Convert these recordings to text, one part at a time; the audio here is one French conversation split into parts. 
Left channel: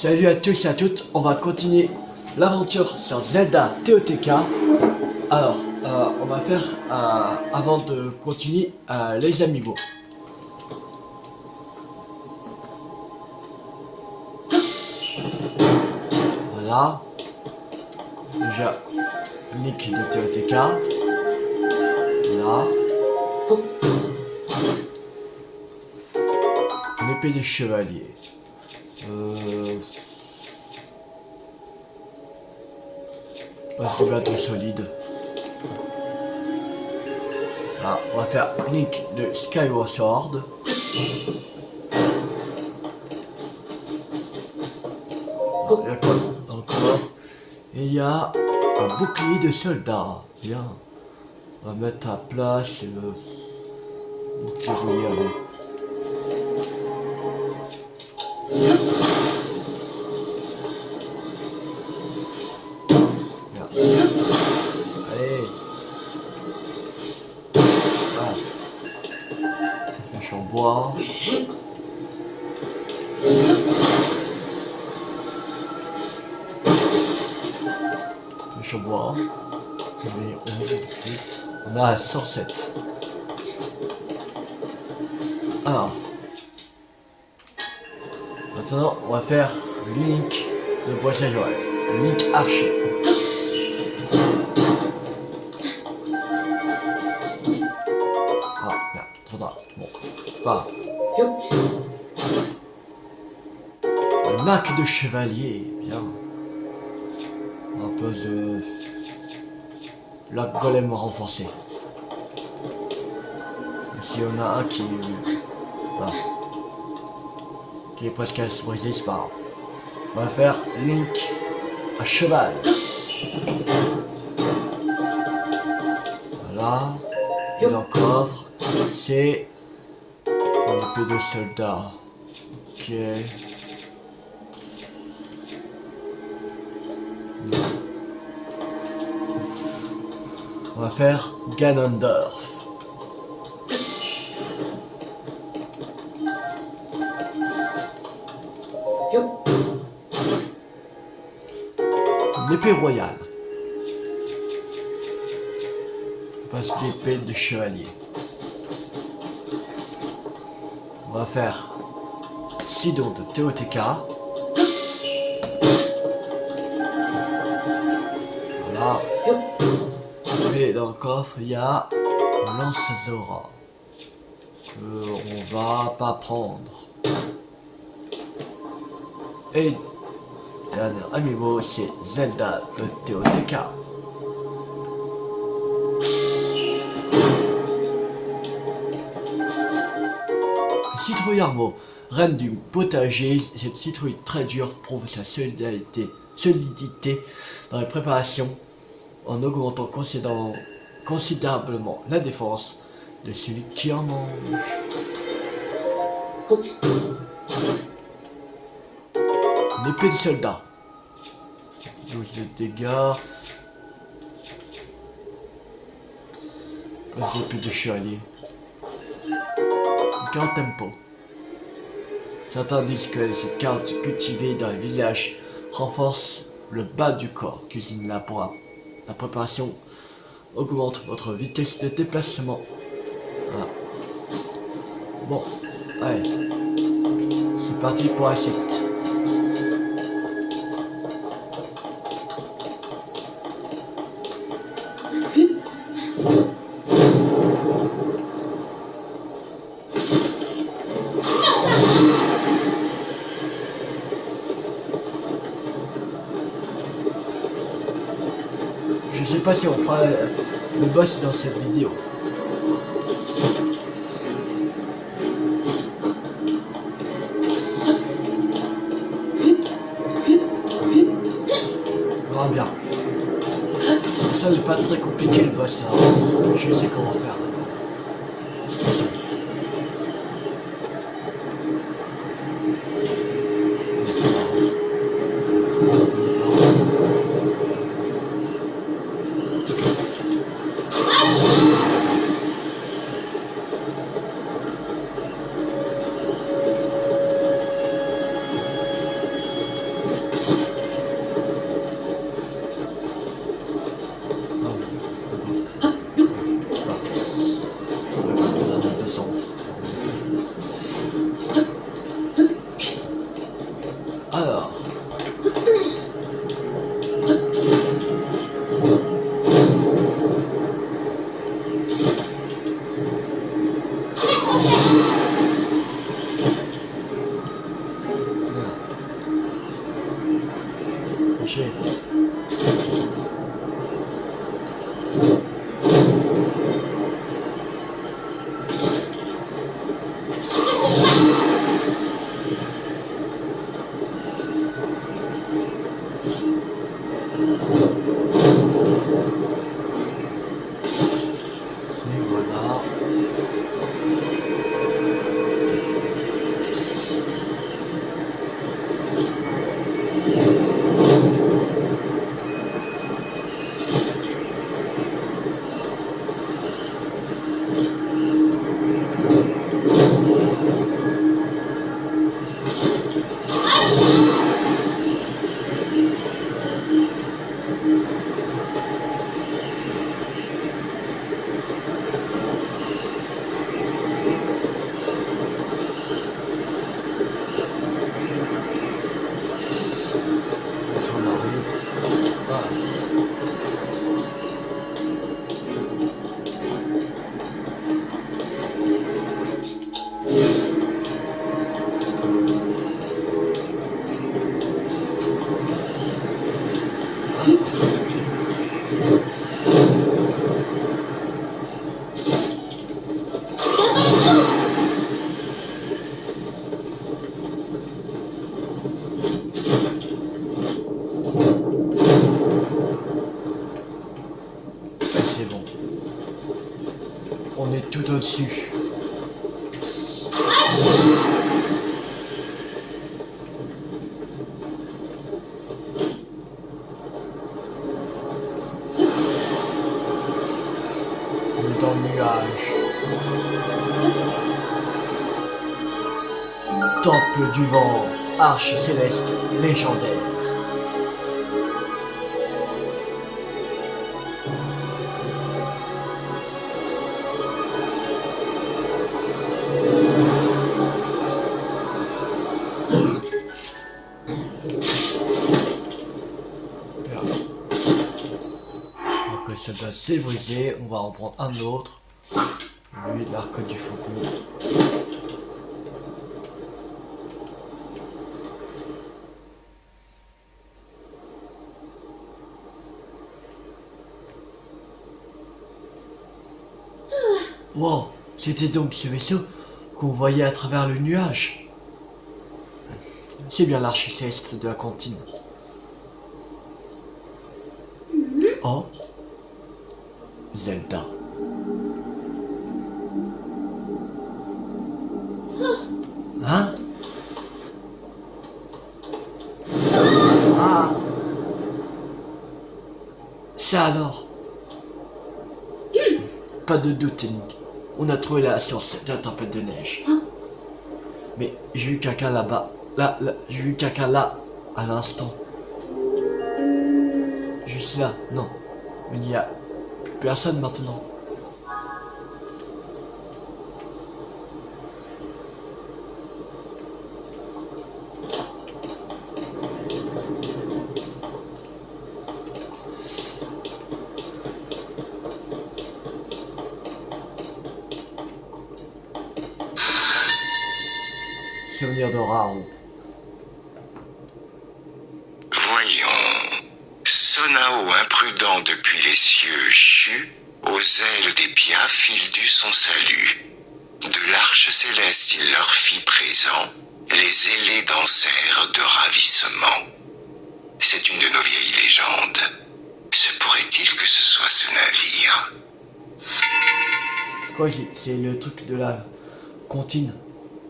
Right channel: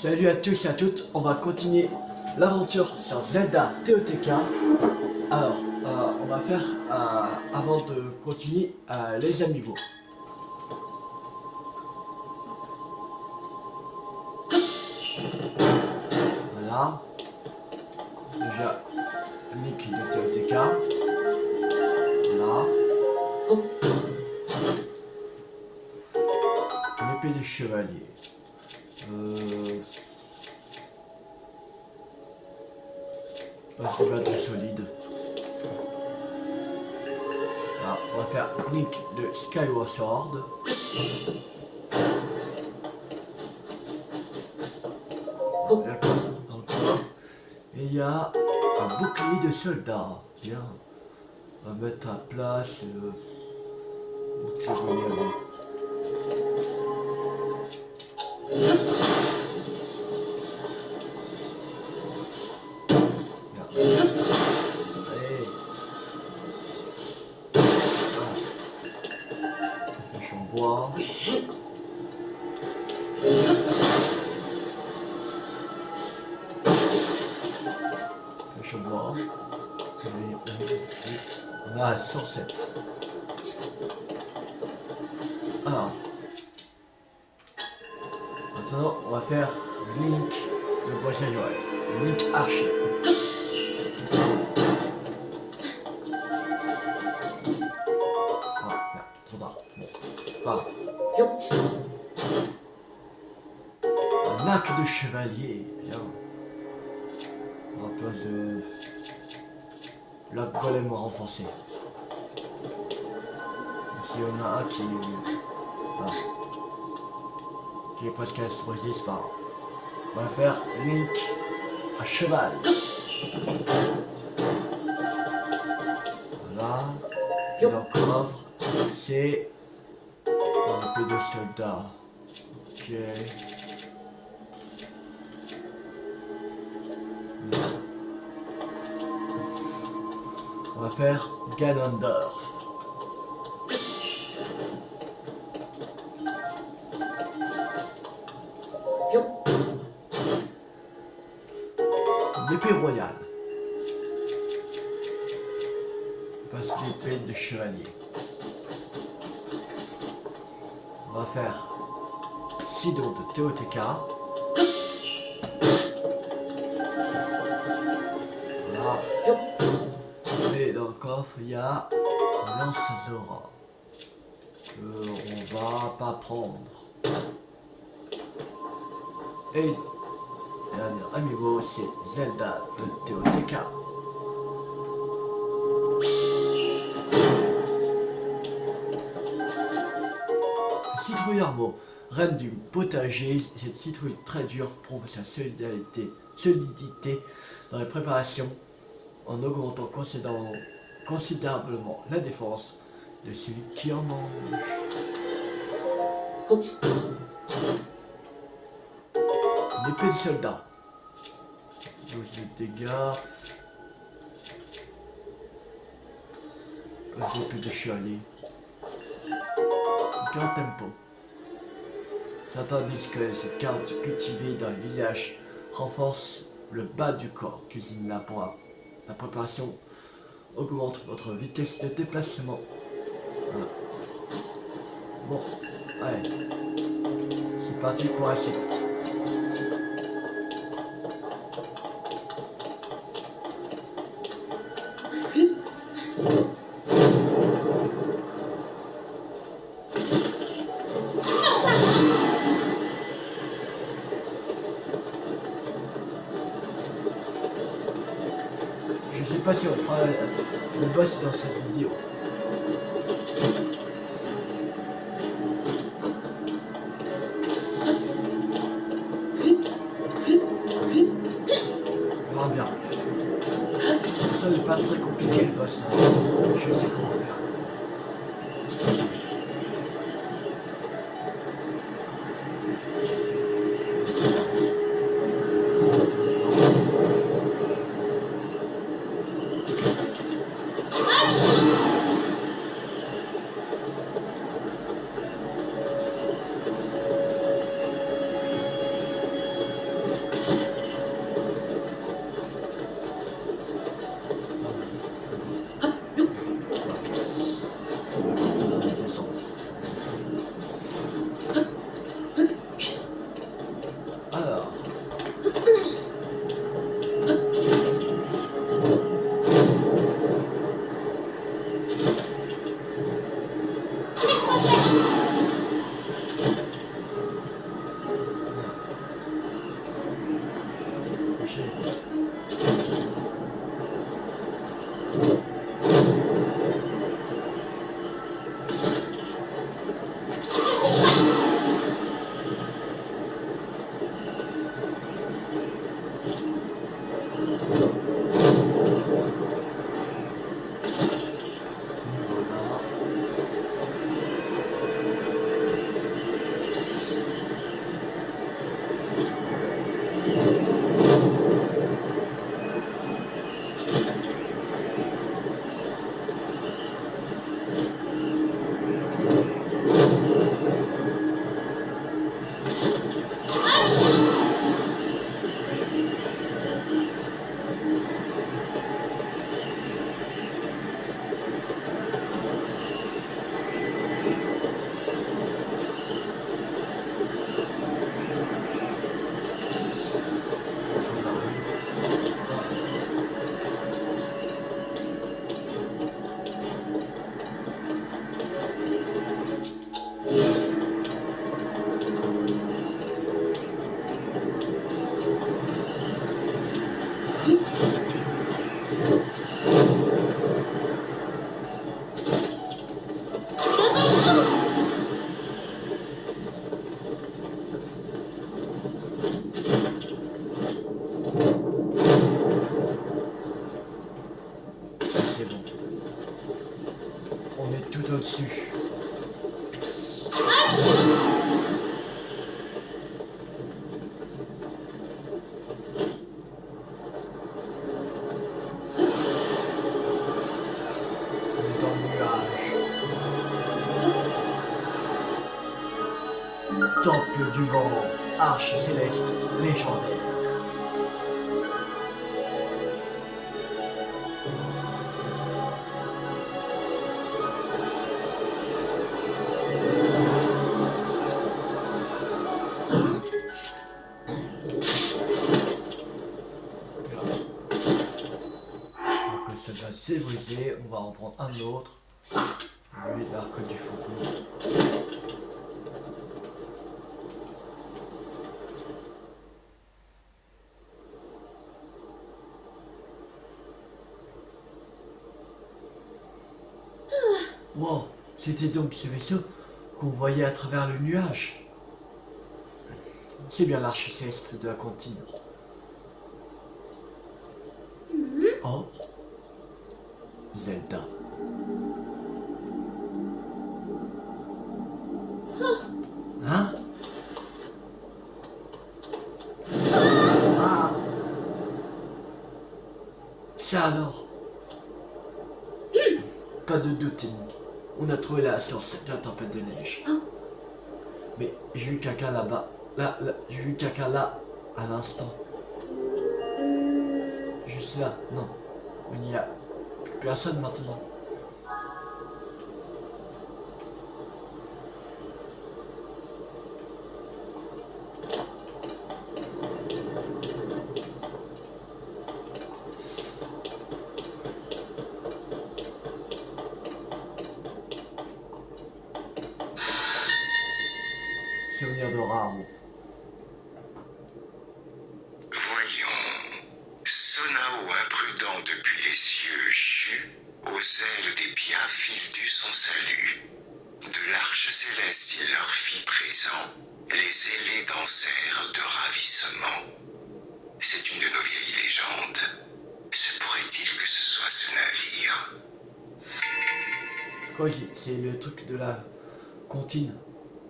Salut à tous et à toutes, on va continuer l'aventure sur Zelda TOTK. Alors, on va faire, avant de continuer, les amiibo. Voilà. Déjà, Link de TOTK. Voilà. L'épée du chevalier. Passe de bâton solide. Là, on va faire Link de Skyward Sword. Il y a quoi dans le coffre? Et il y a un bouclier de soldat. Bien. On va mettre à place le bouclier rouillé avec. Bien. Allez. Voilà. Flèche en bois. Flèche en bois. On a 107. Alors. Maintenant, on va faire Link de Bois Joël. Link archer. Ah, merde, trop tard. Bon, pas grave. Un arc de chevalier, bien. Un peu de... l'arc golem renforcé. Ici, on a un qui... voilà. Qui est presque à se briser, c'est pas grave. On va faire Link à cheval. Voilà. Et dans le coffre, c'est une épée de soldat. Ok. On va faire Ganondorf. L'épée royale. On passe l'épée de chevalier. On va faire Sidon de TOTK. Voilà. Et dans le coffre, il y a Lance Zora. Que on va pas prendre. Et dernier amiibo, c'est Zelda de TOTK. Citrouille Armo, reine du potager, cette citrouille très dure prouve sa solidité dans les préparations en augmentant considérablement la défense de celui qui en mange. Une épée de soldat. 12 de dégâts. Passe l'épée de chevalier. Carte tempo. Certains disent que cette carte cultivée dans les villages renforce le bas du corps. Cuisine-la pour la préparation augmente votre vitesse de déplacement. Voilà. Bon, allez. C'est parti pour la suite. Je sais pas si on fera le boss dans cette vidéo. On verra bien. Ça n'est pas très compliqué le boss, hein. Je sais comment faire. touché. Et voilà. Si on arrive. Voilà. Et c'est bon. On est tout au-dessus. On est dans le nuage. Temple du vent, arche céleste légendaire. Bien. Après ça doit s'est brisé, on va en prendre un autre. Lui, l'arc du faucon. Wow, c'était donc ce vaisseau qu'on voyait à travers le nuage. C'est bien l'arche céleste de la cantine. Oh, Zelda. Hein? Ah. Ça alors? Pas de doute, Link. On a trouvé la source de la tempête de neige. Mais j'ai eu quelqu'un là-bas. J'ai eu quelqu'un là, à l'instant. Juste là, non. Mais il n'y a plus personne maintenant. Souvenir de Raoult. Voyons. Sonao imprudent depuis les cieux chut, aux ailes des biens fil son salut. De l'arche céleste il leur fit présent, les ailés dansèrent de ravissement. C'est une de nos vieilles légendes. Se pourrait-il que ce soit ce navire? Je crois que c'est le truc de la comptine,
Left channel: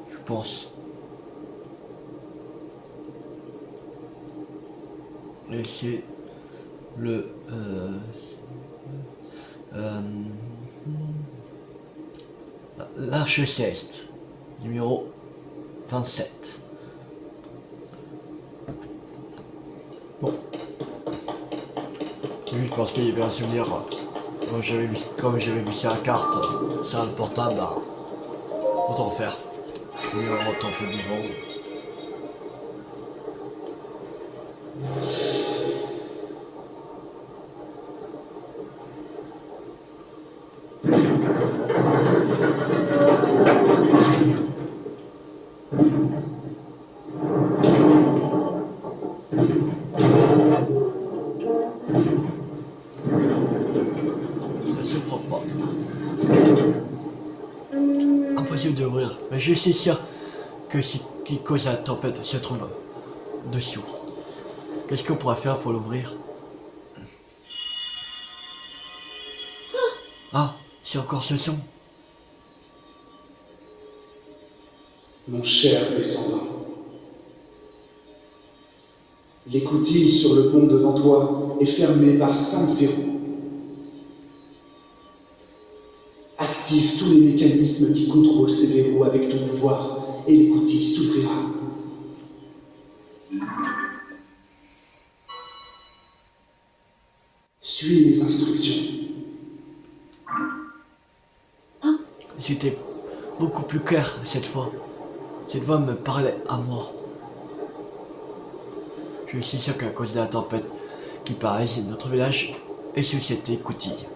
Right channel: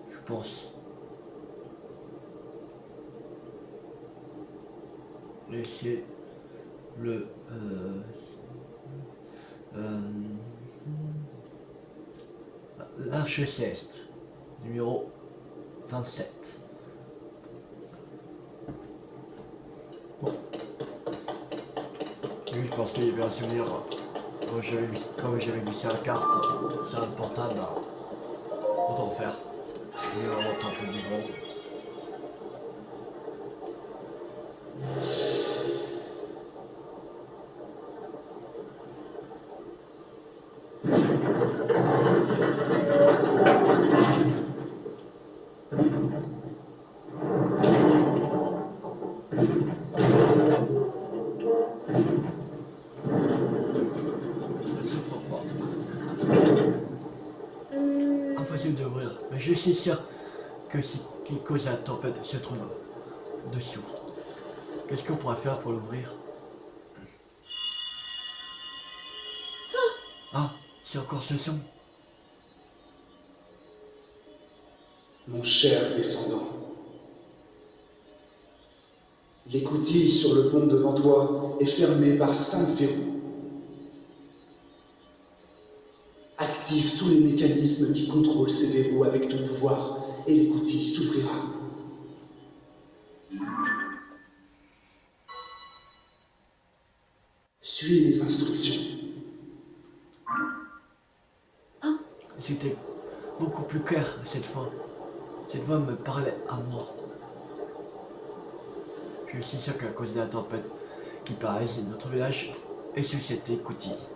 je pense. Et c'est le l'arche céleste, numéro 27. Bon. Oui, je pense qu'il y avait un souvenir. Comme j'avais vu sur la carte, sur le portable, bah, autant faire. Numéro temple du vent. Mais je suis sûr que ce qui cause la tempête se trouve dessous. Qu'est-ce qu'on pourrait faire pour l'ouvrir? Ah, c'est encore ce son. Mon cher descendant, l'écoutille sur le pont devant toi est fermée par 5 verrous. Active tous les mécanismes qui contrôlent ces verrous avec ton pouvoir et l'écoutille s'ouvrira. Suis les instructions. C'était beaucoup plus clair cette fois. Cette voix me parlait à moi. Je suis sûr qu'à cause de la tempête qui paralyse notre village et sous cette écoutille.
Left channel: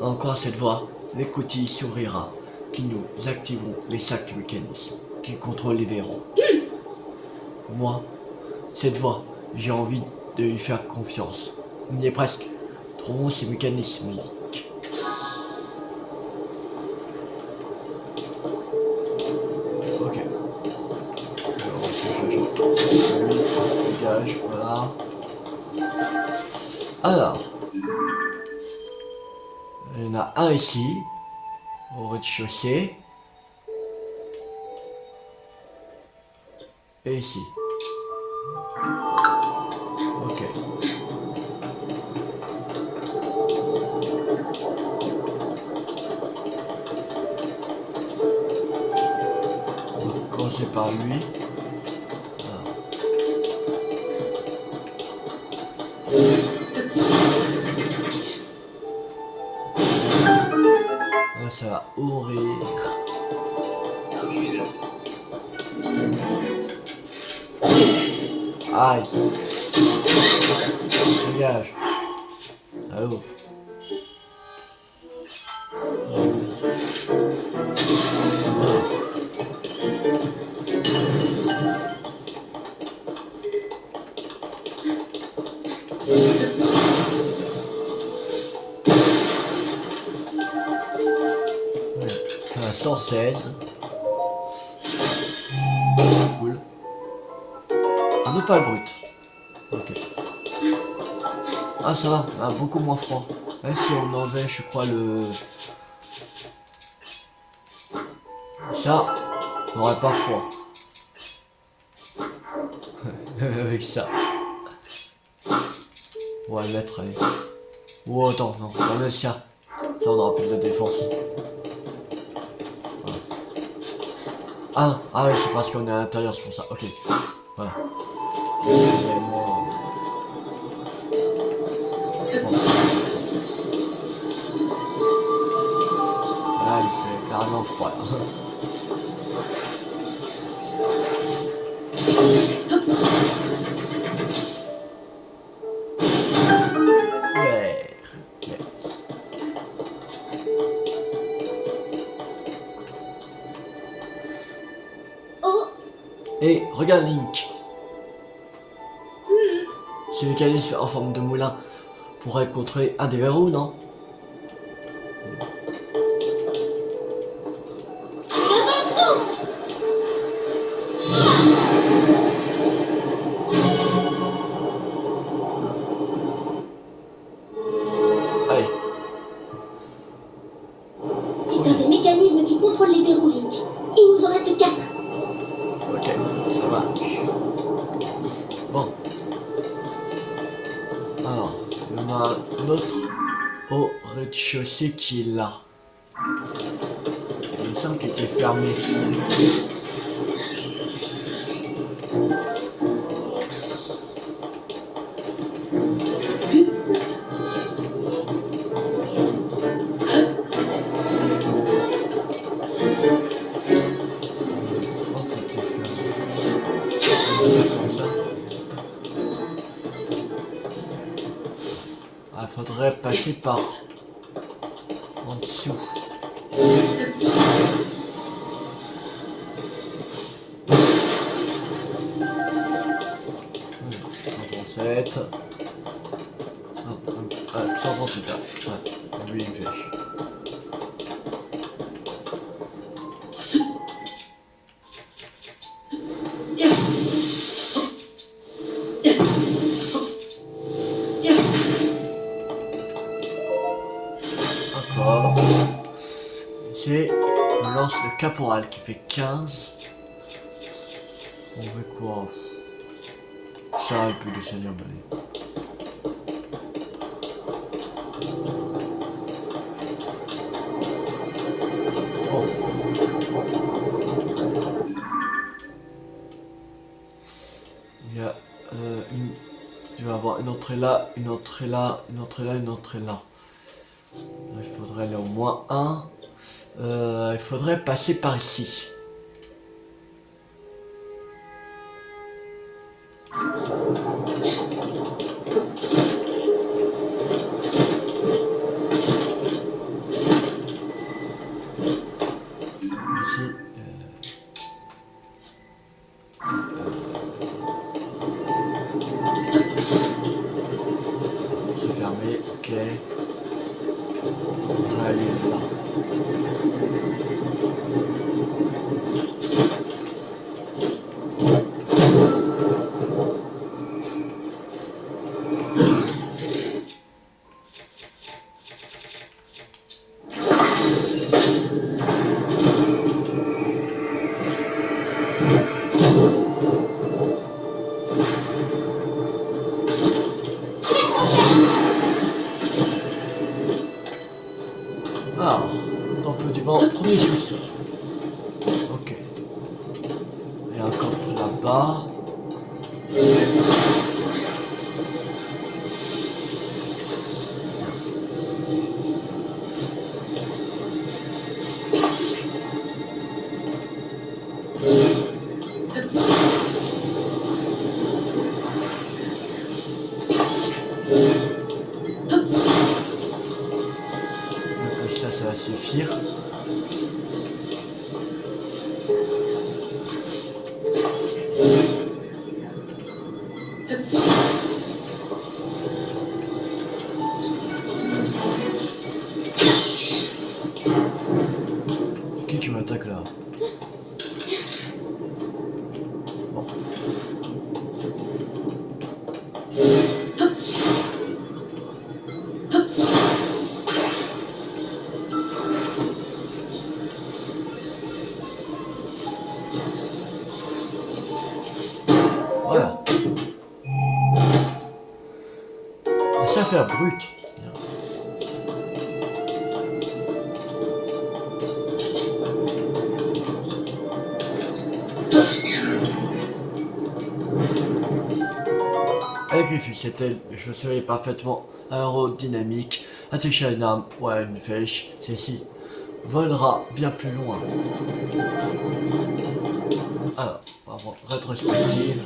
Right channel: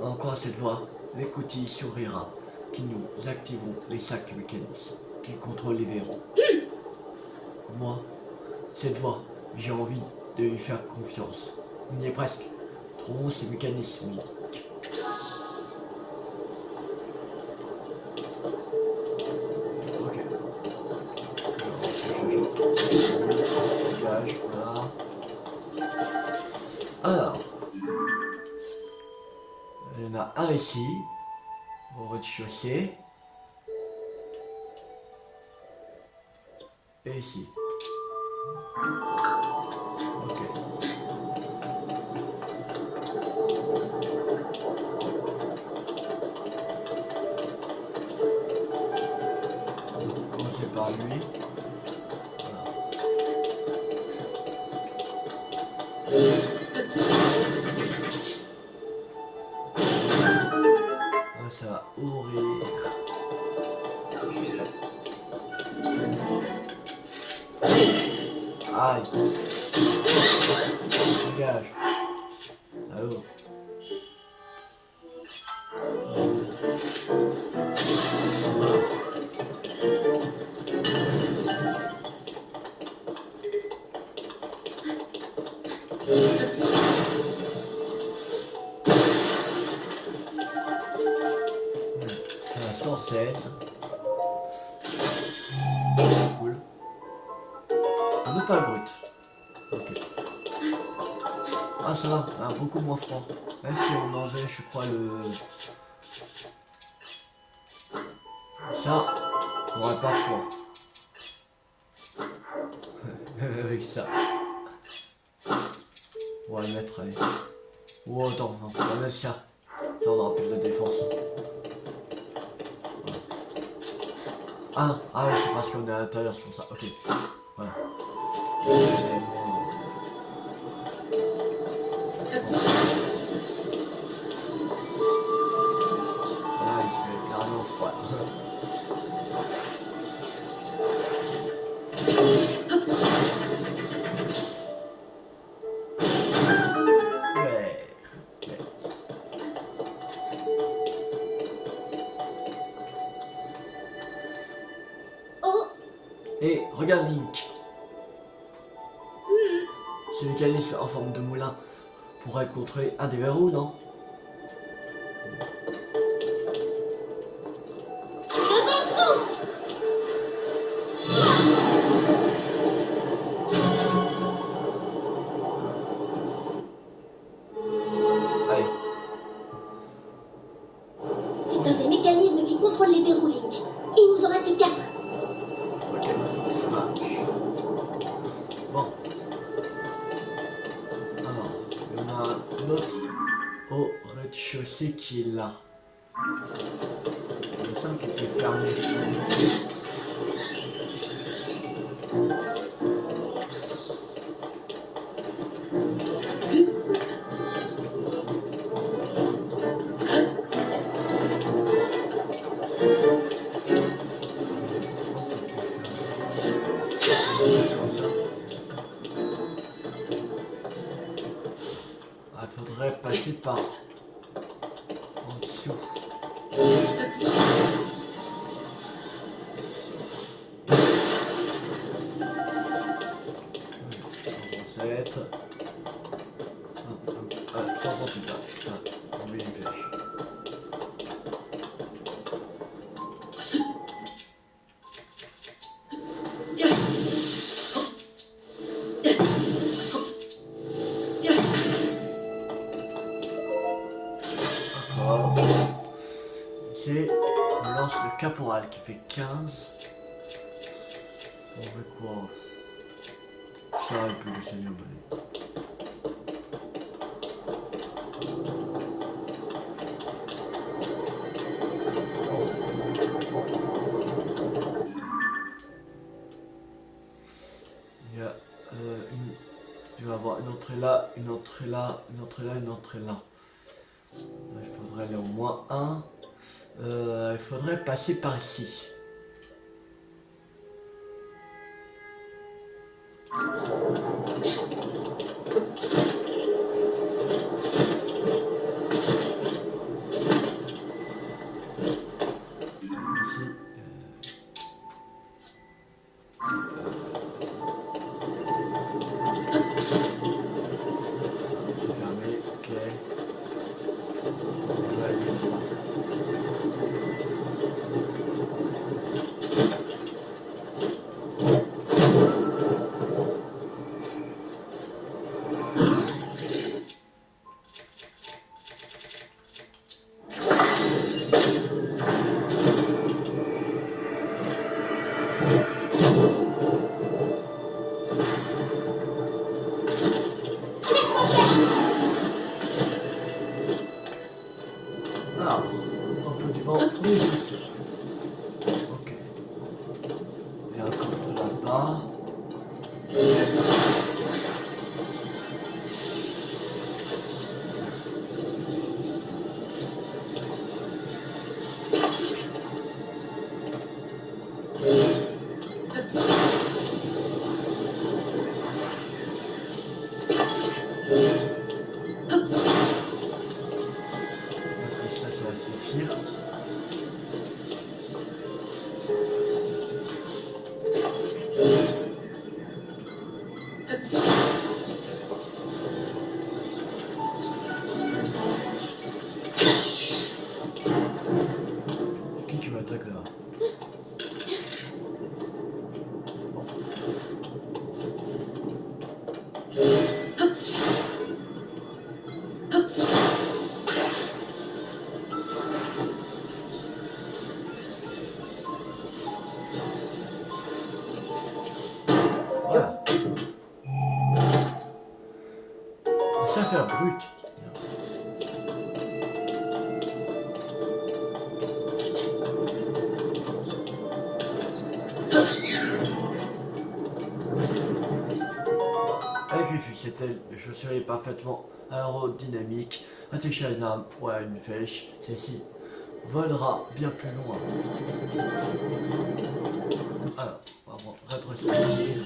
Encore cette voix, l'écoutille s'ouvrira, qui nous activeront les 5 mécanismes qui contrôlent les verrous. Moi, cette voix, j'ai envie de lui faire confiance. On y est presque. Trouvons ces mécanismes uniques. Ok. Alors, dégage, voilà. Alors. Il y en a un ici, au rez-de-chaussée. Et ici. Ok. On va commencer par lui. Ah, ça va ouvrir. Aïe. Dégage. Allô. On a 116. Cool. Un opale brut. Ok. Ah ça va, ah, beaucoup moins froid. Même si on enlevait, je crois, le... Ça, on n'aurait pas froid. Avec ça. On va le mettre, allez. Oh attends, non, on va mettre ça. Ça on aura plus de défense. Voilà. Ah oui, c'est parce qu'on est à l'intérieur, c'est pour ça. Ok. Voilà. Là, il fait carrément froid. Là. Ouais. Oh, Et regarde Link. Ce mécanisme en forme de moulin pourrait contrôler un des verrous, non? Allez. c'est un des mécanismes qui contrôle les verrous, Link. Il nous en reste 4. Ok, ça marche. Bon. Alors, il y en a un autre au rez-de-chaussée qui est là. Il me semble qu'il était fermé. Non, tout est fermé. Comme ça. Ah, faudrait passer par en dessous. Oui, 137. 138. Ouais, oublie une flèche. Encore. Ici, on lance le caporal qui fait 15. On veut quoi? Ça et puis le seigneur balai. Oh. Il y a tu vas avoir une entrée là, une entrée là, une entrée là, une entrée là. Il faudrait aller au moins un. Il faudrait passer par ici. Ici. C'est fermé, ok. Faudrait aller là. Alors, temple du vent, premier sous-sol. Ok. Il y a un coffre là-bas. Donc ça va suffire. Qui m'attaque là? Bon. Voilà. C'est affaire brute. Avec les ficelles, les chaussures parfaitement aérodynamique, attaché à une arme ou à une flèche, celle-ci volera bien plus loin. Alors, on va prendre rétrospective.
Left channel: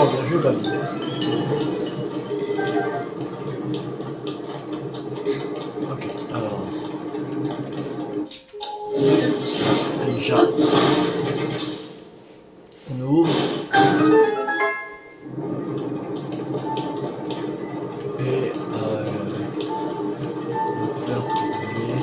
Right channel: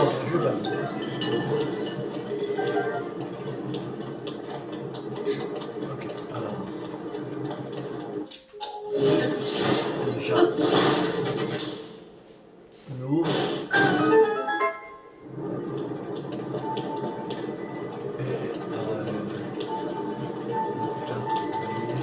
Oh, bien joué, Babi. Ok, alors. Déjà. On ouvre. Et on va faire tourner.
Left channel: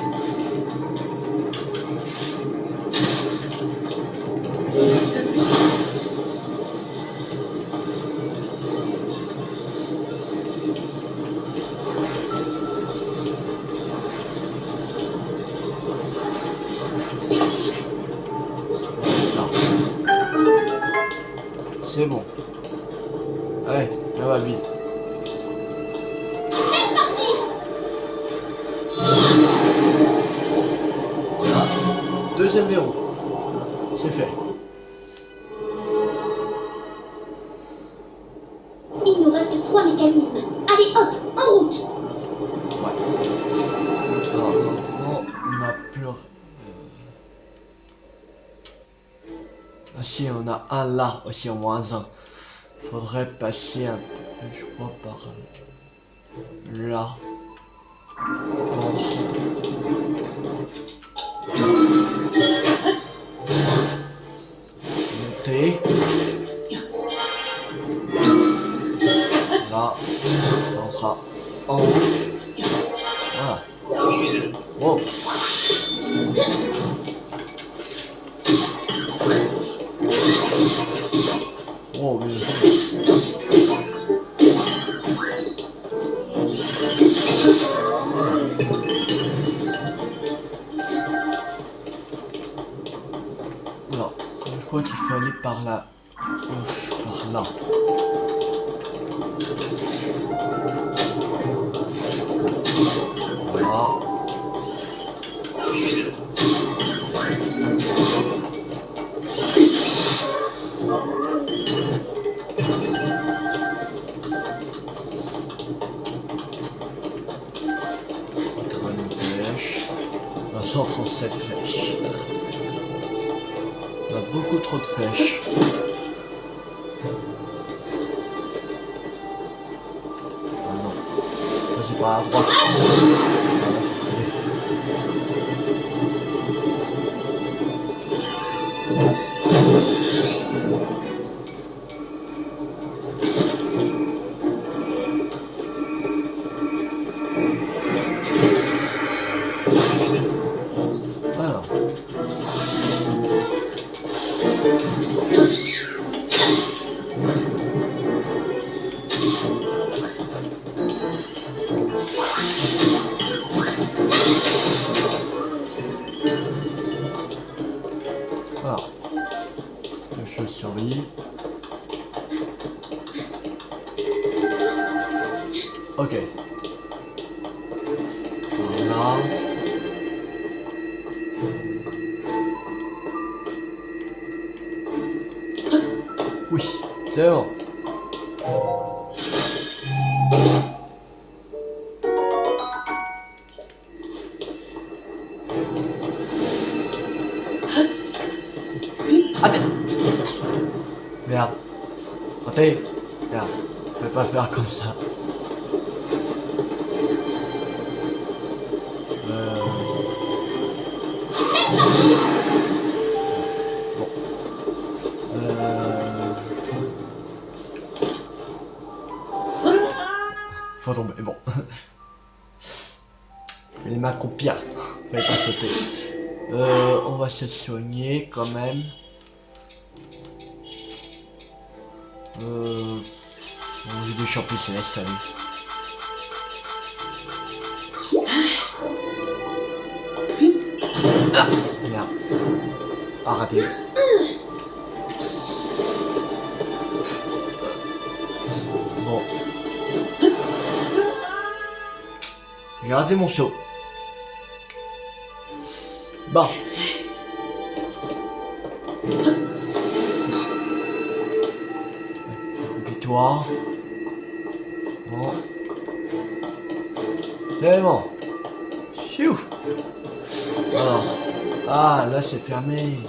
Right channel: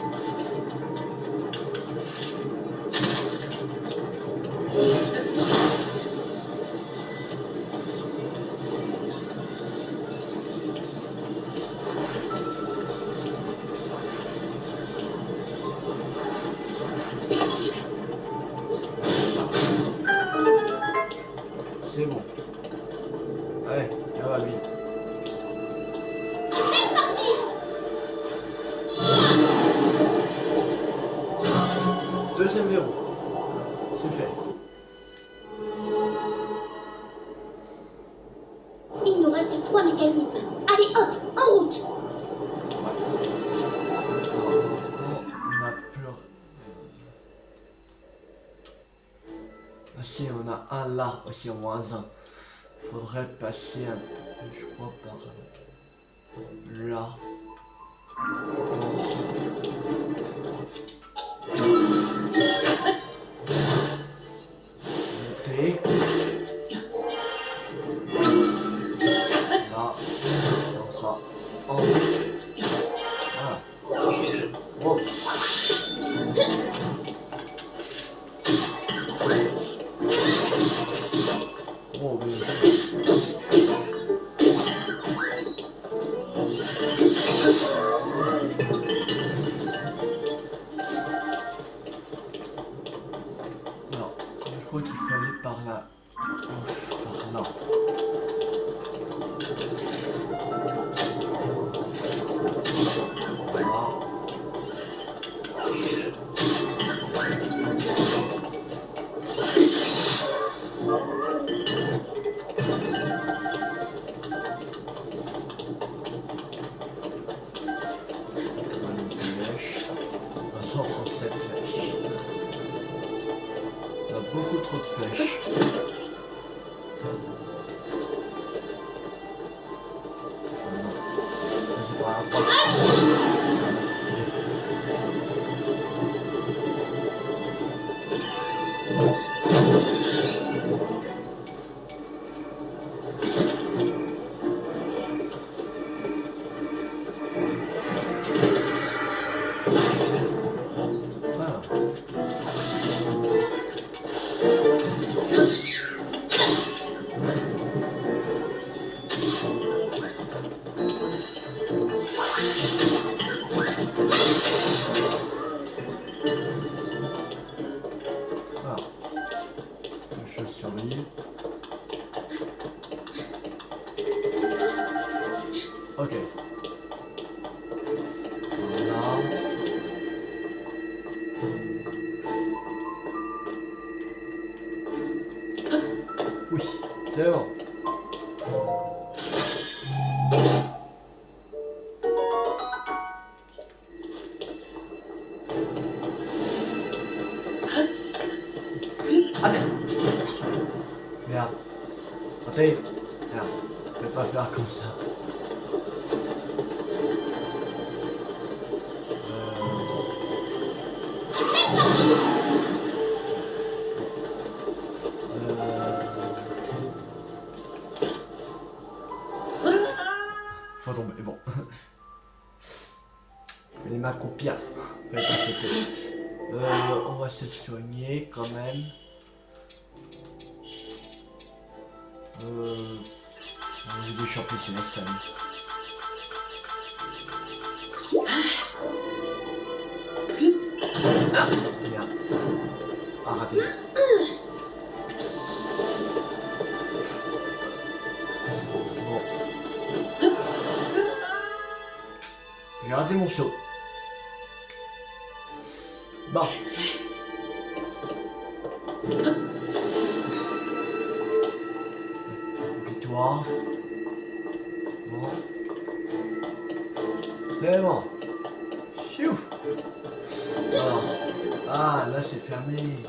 C'est bon. Allez, on va bien. Voilà. Deuxième verrou. C'est fait. Il nous reste 3 mécanismes. Allez, hop, en route. Ouais. Alors, non, on n'a plus... Ah si, on a un là, aussi en moins un. Faudrait passer un peu, je crois, par là. Je pense. Je crois qu'il faut aller par la gauche, par là. Voilà. Encore une flèche. 137 flèches. On a beaucoup trop de flèches. Ah non. Ça c'est pas à droite. Voilà. Voilà. Deux chauves-souris. Ok. Voilà. Oui, c'est bon. Ah merde. Merde. Attendez. Merde. Je vais pas faire comme ça. Bon. Faut tomber, bon. Je vais m'accroupir. Fallait pas sauter. On va se soigner quand même. J'ai des champignons célestes, allez. Ah, merde. Ah, raté. Bon. J'ai raté mon saut. Bon. Accroupis-toi. Bon. C'est bon. Chou. Alors. Ah, là c'est fermé.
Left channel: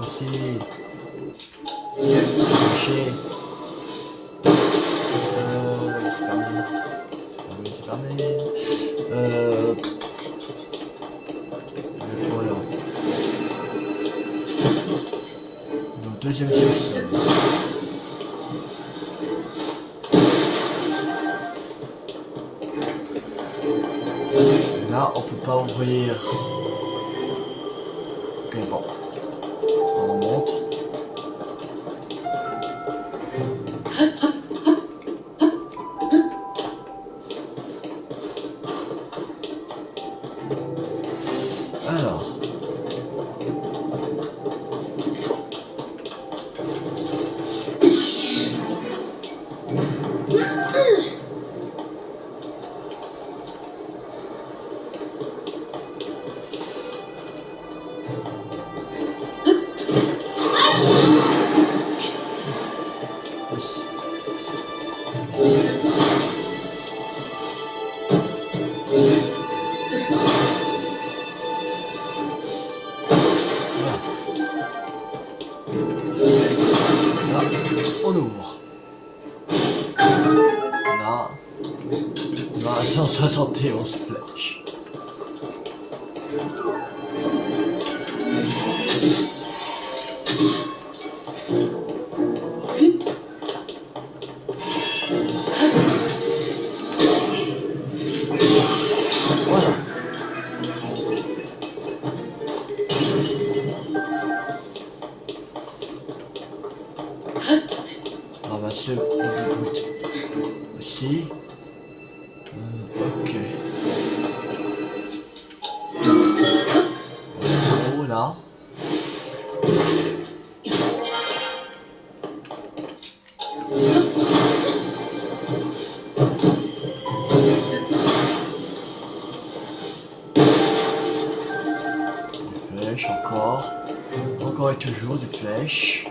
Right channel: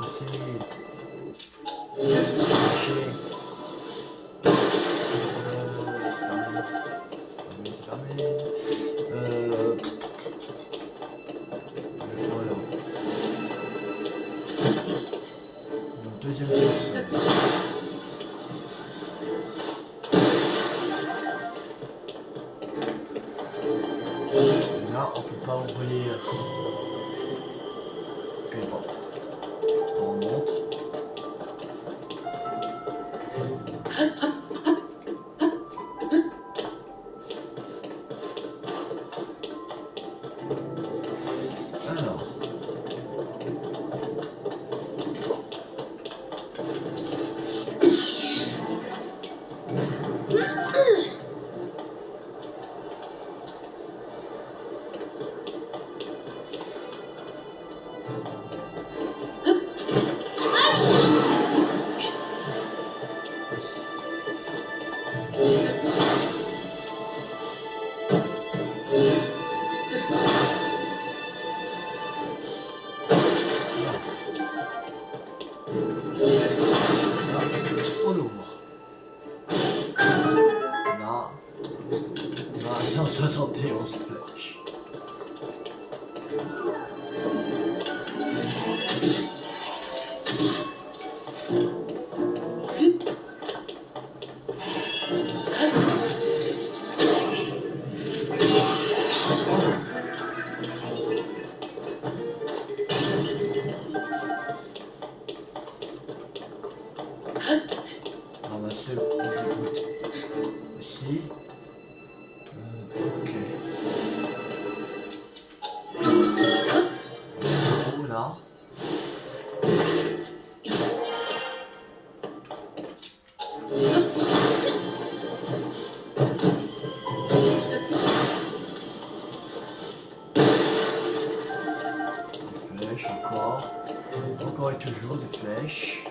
Aussi. C'est fermé. Voilà. Le deuxième sous-sol. Là, on peut pas ouvrir. Ok, bon. On monte. Alors. On ouvre. Là. Là, 171 flèches. Voilà. Ramasser le bout aussi. Ok. Là-haut, là. flèches, encore. Encore et toujours des flèches.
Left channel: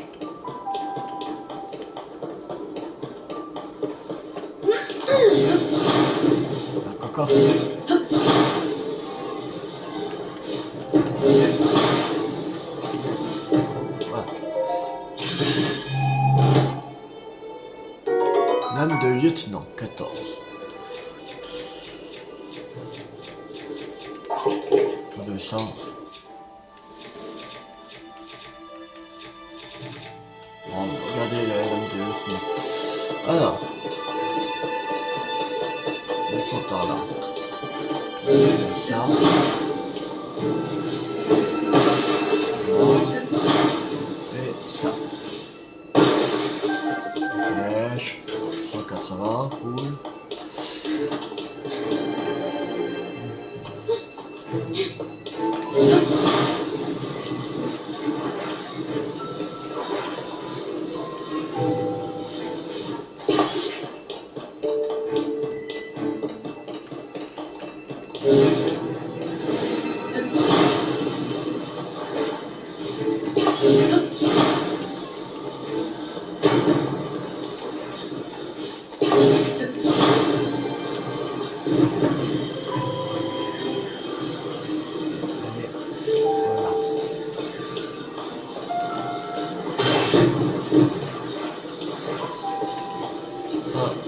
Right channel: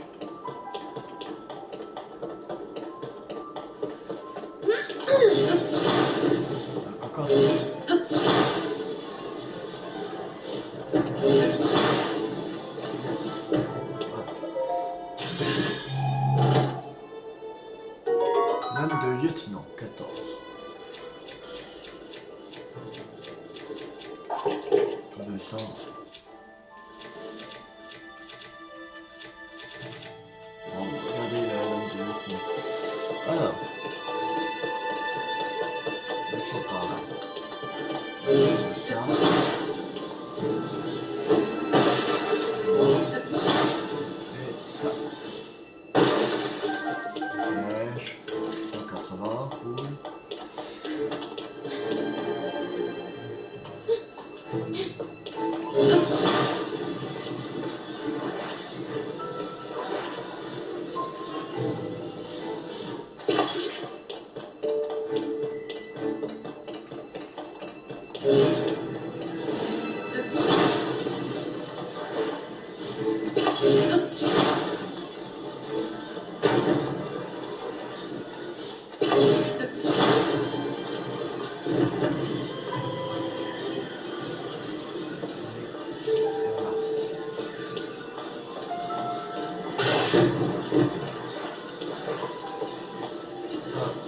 Un cocotte. Voilà. Lame de lieutenant, 14. De sang. Bon, regardez la lame de lieutenant. Alors. On est par là. Ça. Et ça. Flèche. 180, cool.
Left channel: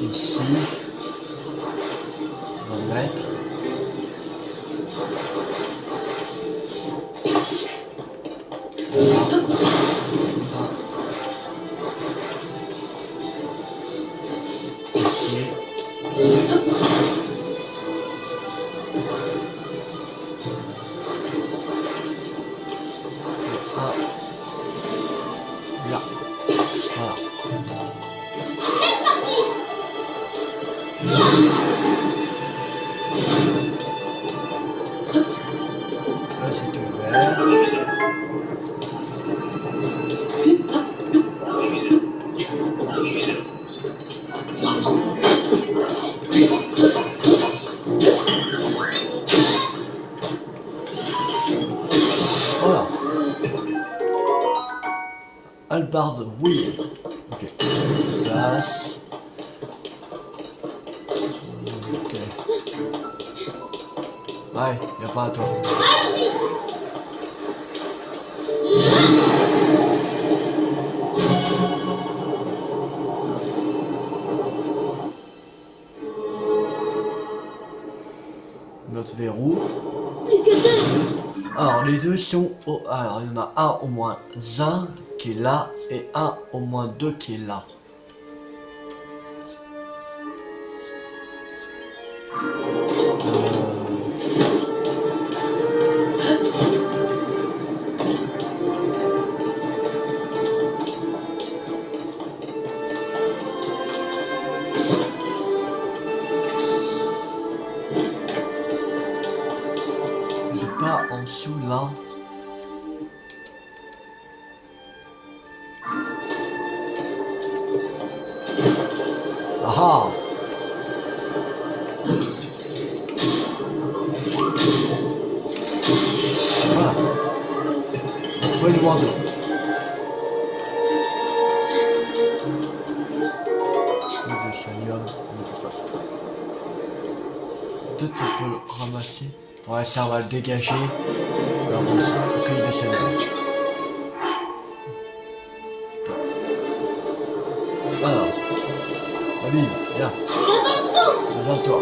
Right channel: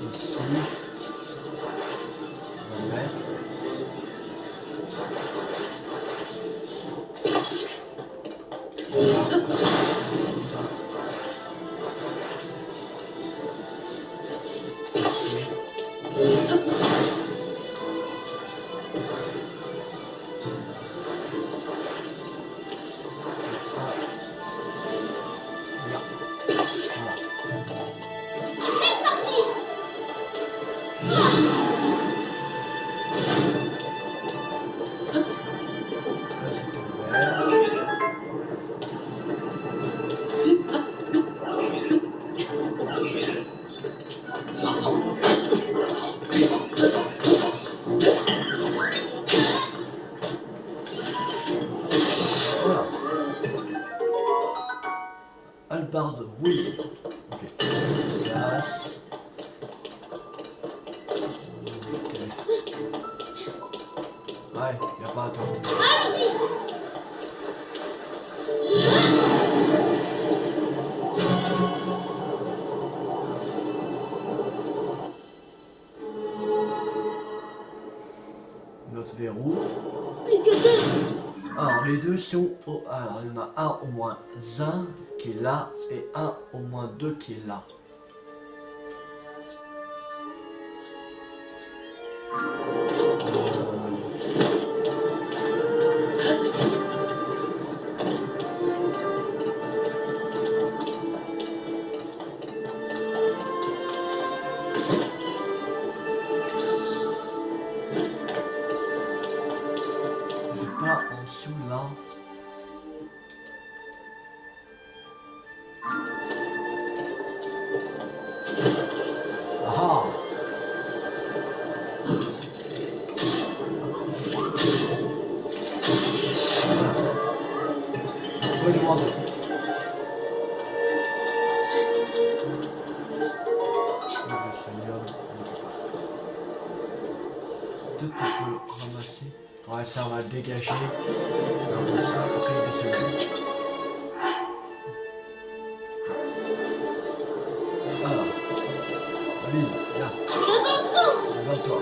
Ici, on va mettre ici. Et là. Voilà. C'est parti. Là c'est ouvert. Voilà. Albarde rouillée. Ok. Place. Ok. Ouais, y'a pas à toi. Allons-y. Notre verrou. Plus que deux. Alors les deux sont au... Alors il y en a un au moins un qui est là et un au moins deux qui est là. C'est pas en dessous là. Ah ah. Voilà. On a trouvé le moins 2. Le chanium, on n'occupe pas ça. Peut-être on peut le ramasser. Ouais, ça on va le dégager. Alors comme ça, ok, de chanium. Alors. Abîme, viens. Devant le saut. Lève-toi.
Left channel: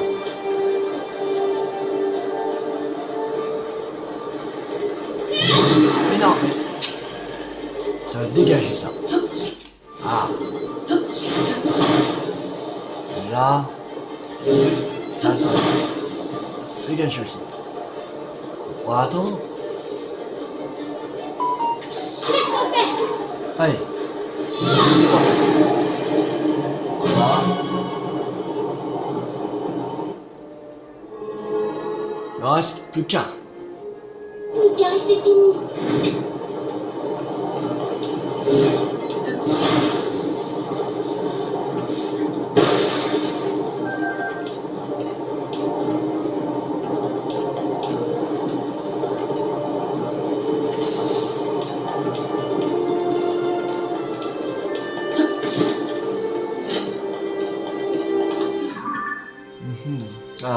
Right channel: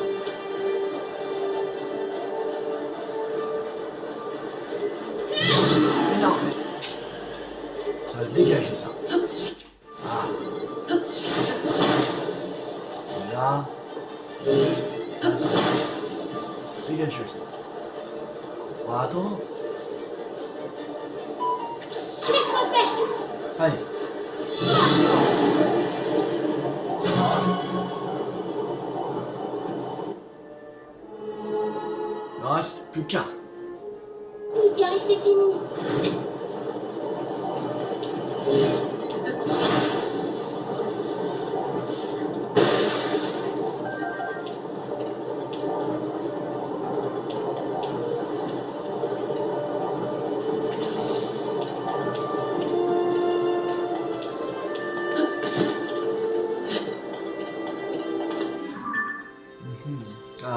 Mais non, mais... Ça va dégager ça. Ah. Et là. Ça va dégager aussi. On va attendre. Laisse-moi faire. Allez. C'est parti. Voilà. Il en reste plus qu'un. Plus qu'un et c'est fini. C'est...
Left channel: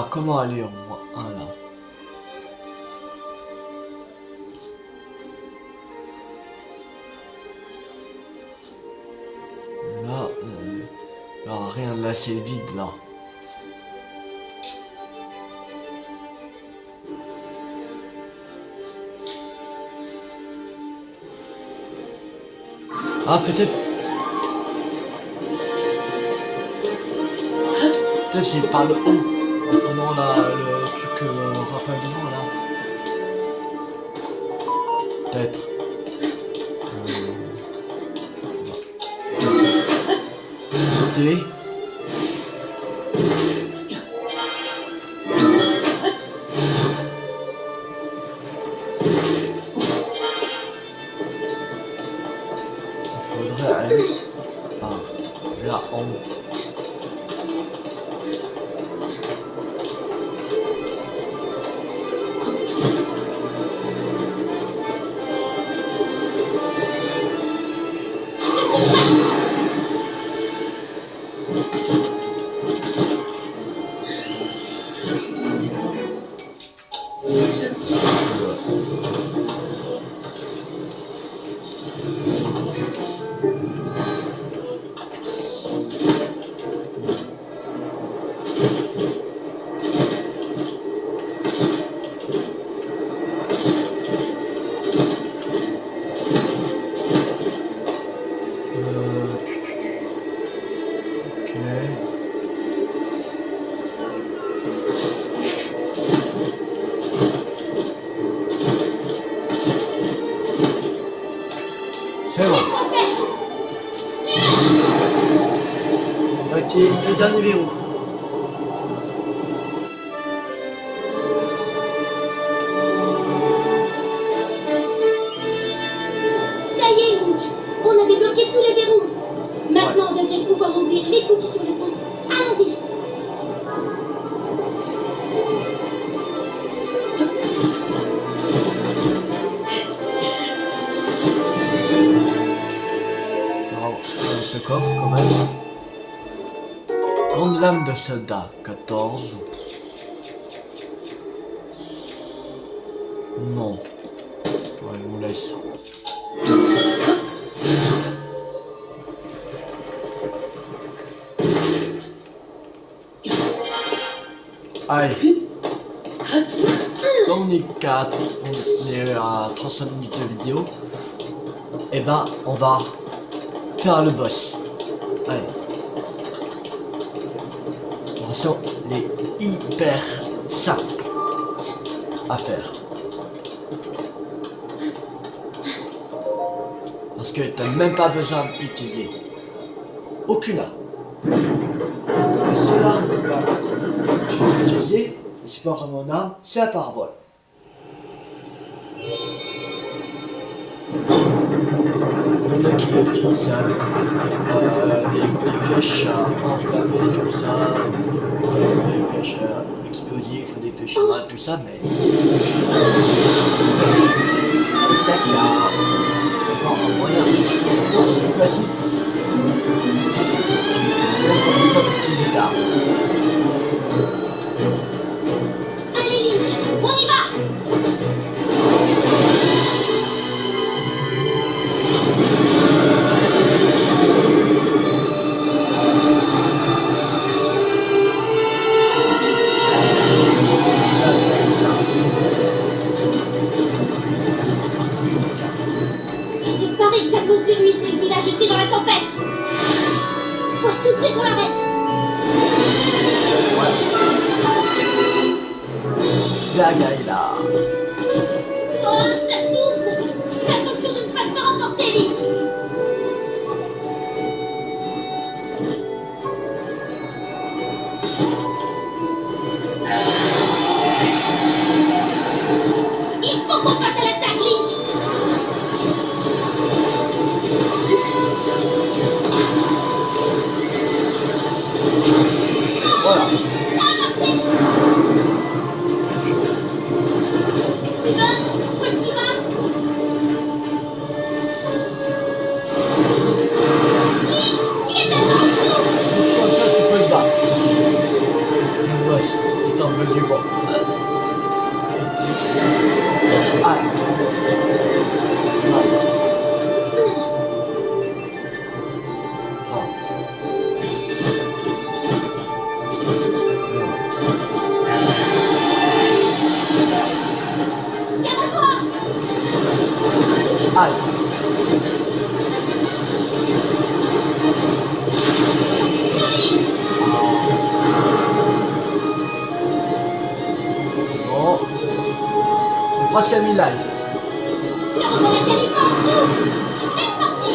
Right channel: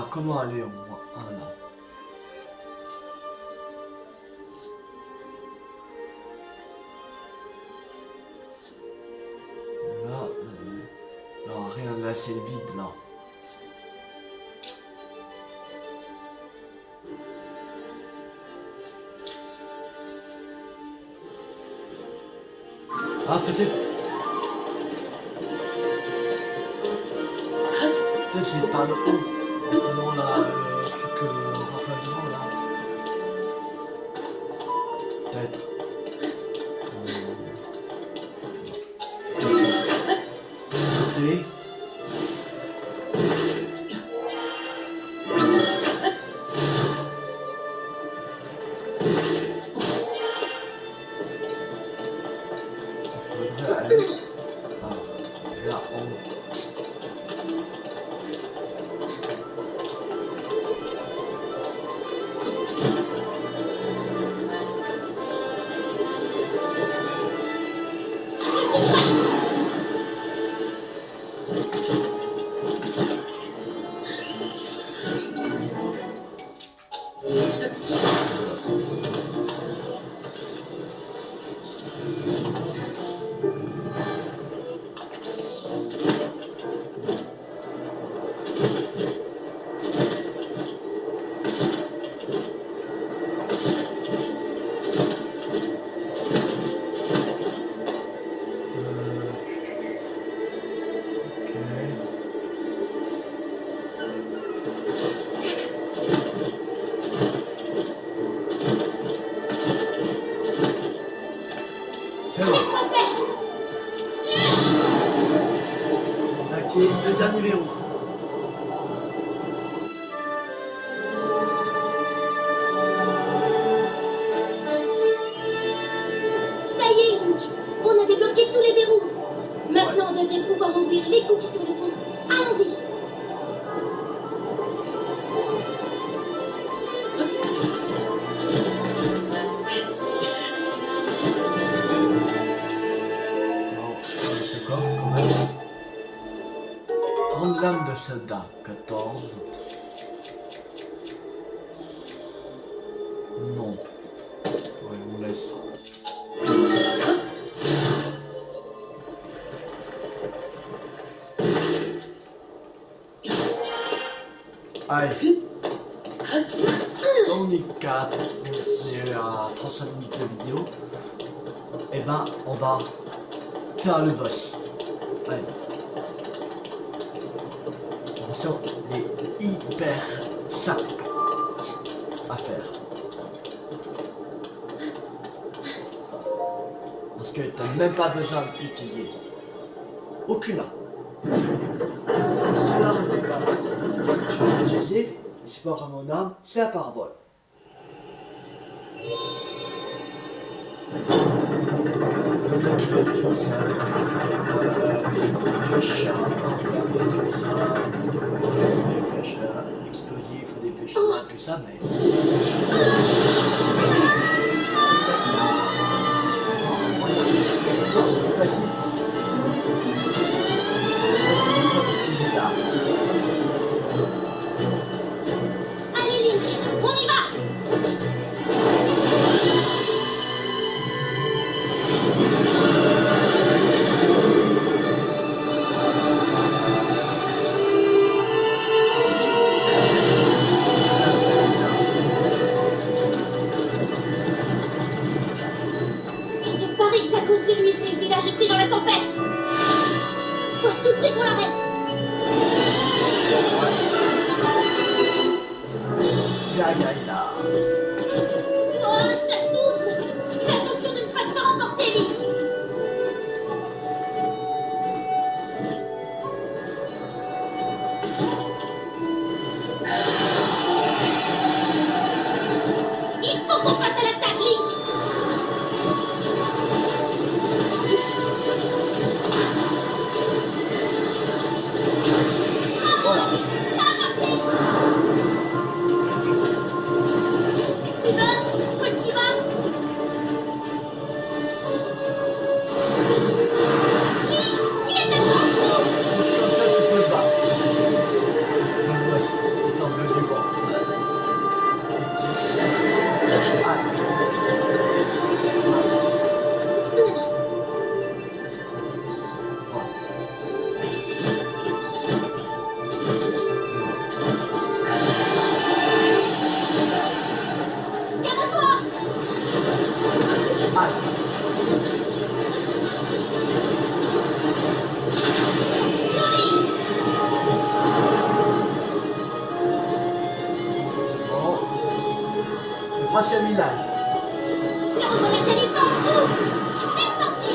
Alors, comment aller au moins un là? Là, alors rien, là c'est vide là. Ah, peut-être... Peut-être c'est par le haut. En prenant le truc Raphaël devant là. Peut-être. Monter. Il faudrait aller par là en haut. C'est bon. Activer le dernier verrou. Ça y est, Link. On a débloqué tous les verrous. Maintenant, on devrait pouvoir ouvrir l'écoutille sur le pont. Allons-y. Dans ce coffre quand même. Grande lame de soldat, 14. Non. Ouais, on laisse. Allez. Quand on est 4, on est à 35 minutes de vidéo. Et ben, on va faire le boss. Allez. Attention, il est hyper simple à faire. Parce que t'as même pas besoin d'utiliser aucune arme. La seule arme que tu vas utiliser, et c'est pas vraiment une arme, c'est la parabole. Il y en a qui utilisent des flèches enflammées, tout ça, des flèches explosives ou des flèches noires, tout ça, mais c'est ça qui a encore un moyen plus facile. Même pas besoin d'utiliser d'armes. Allez, Link, on y va. Je te parie que c'est à cause de lui si le village est pris dans la tempête. Faut à tout prix qu'on l'arrête. Gaga est là. Oh, ça souffle. Fais attention de ne pas te faire emporter, Link. Il faut qu'on passe à l'attaque, Link. Voilà. Ça a marché. Steven, où est-ce qu'il va? Link, il est tellement en dessous. Juste comme ça, tu peux le battre. Le boss est tombé Aïe. C'est bon. J'ai presque à 1000 life. Là, on va la caler par en dessous. C'est parti.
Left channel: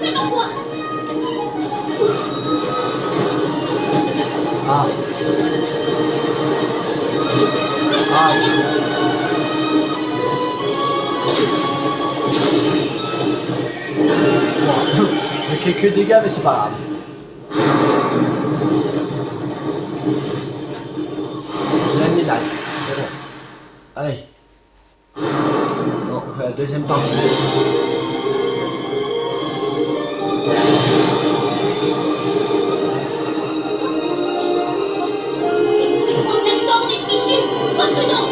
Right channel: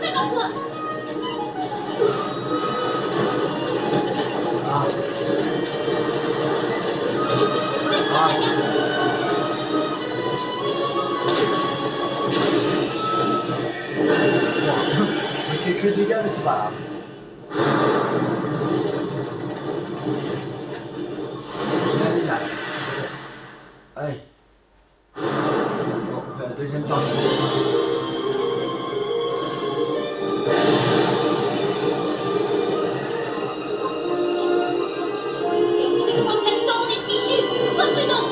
Prépare-toi. Ah. Aïe. Bon. J'ai quelques dégâts, mais c'est pas grave. Il a mis life. C'est bon. Allez. Bon, on fait la deuxième partie. C'est que ça va prendre là-dedans, on est fichu. Sois prudent.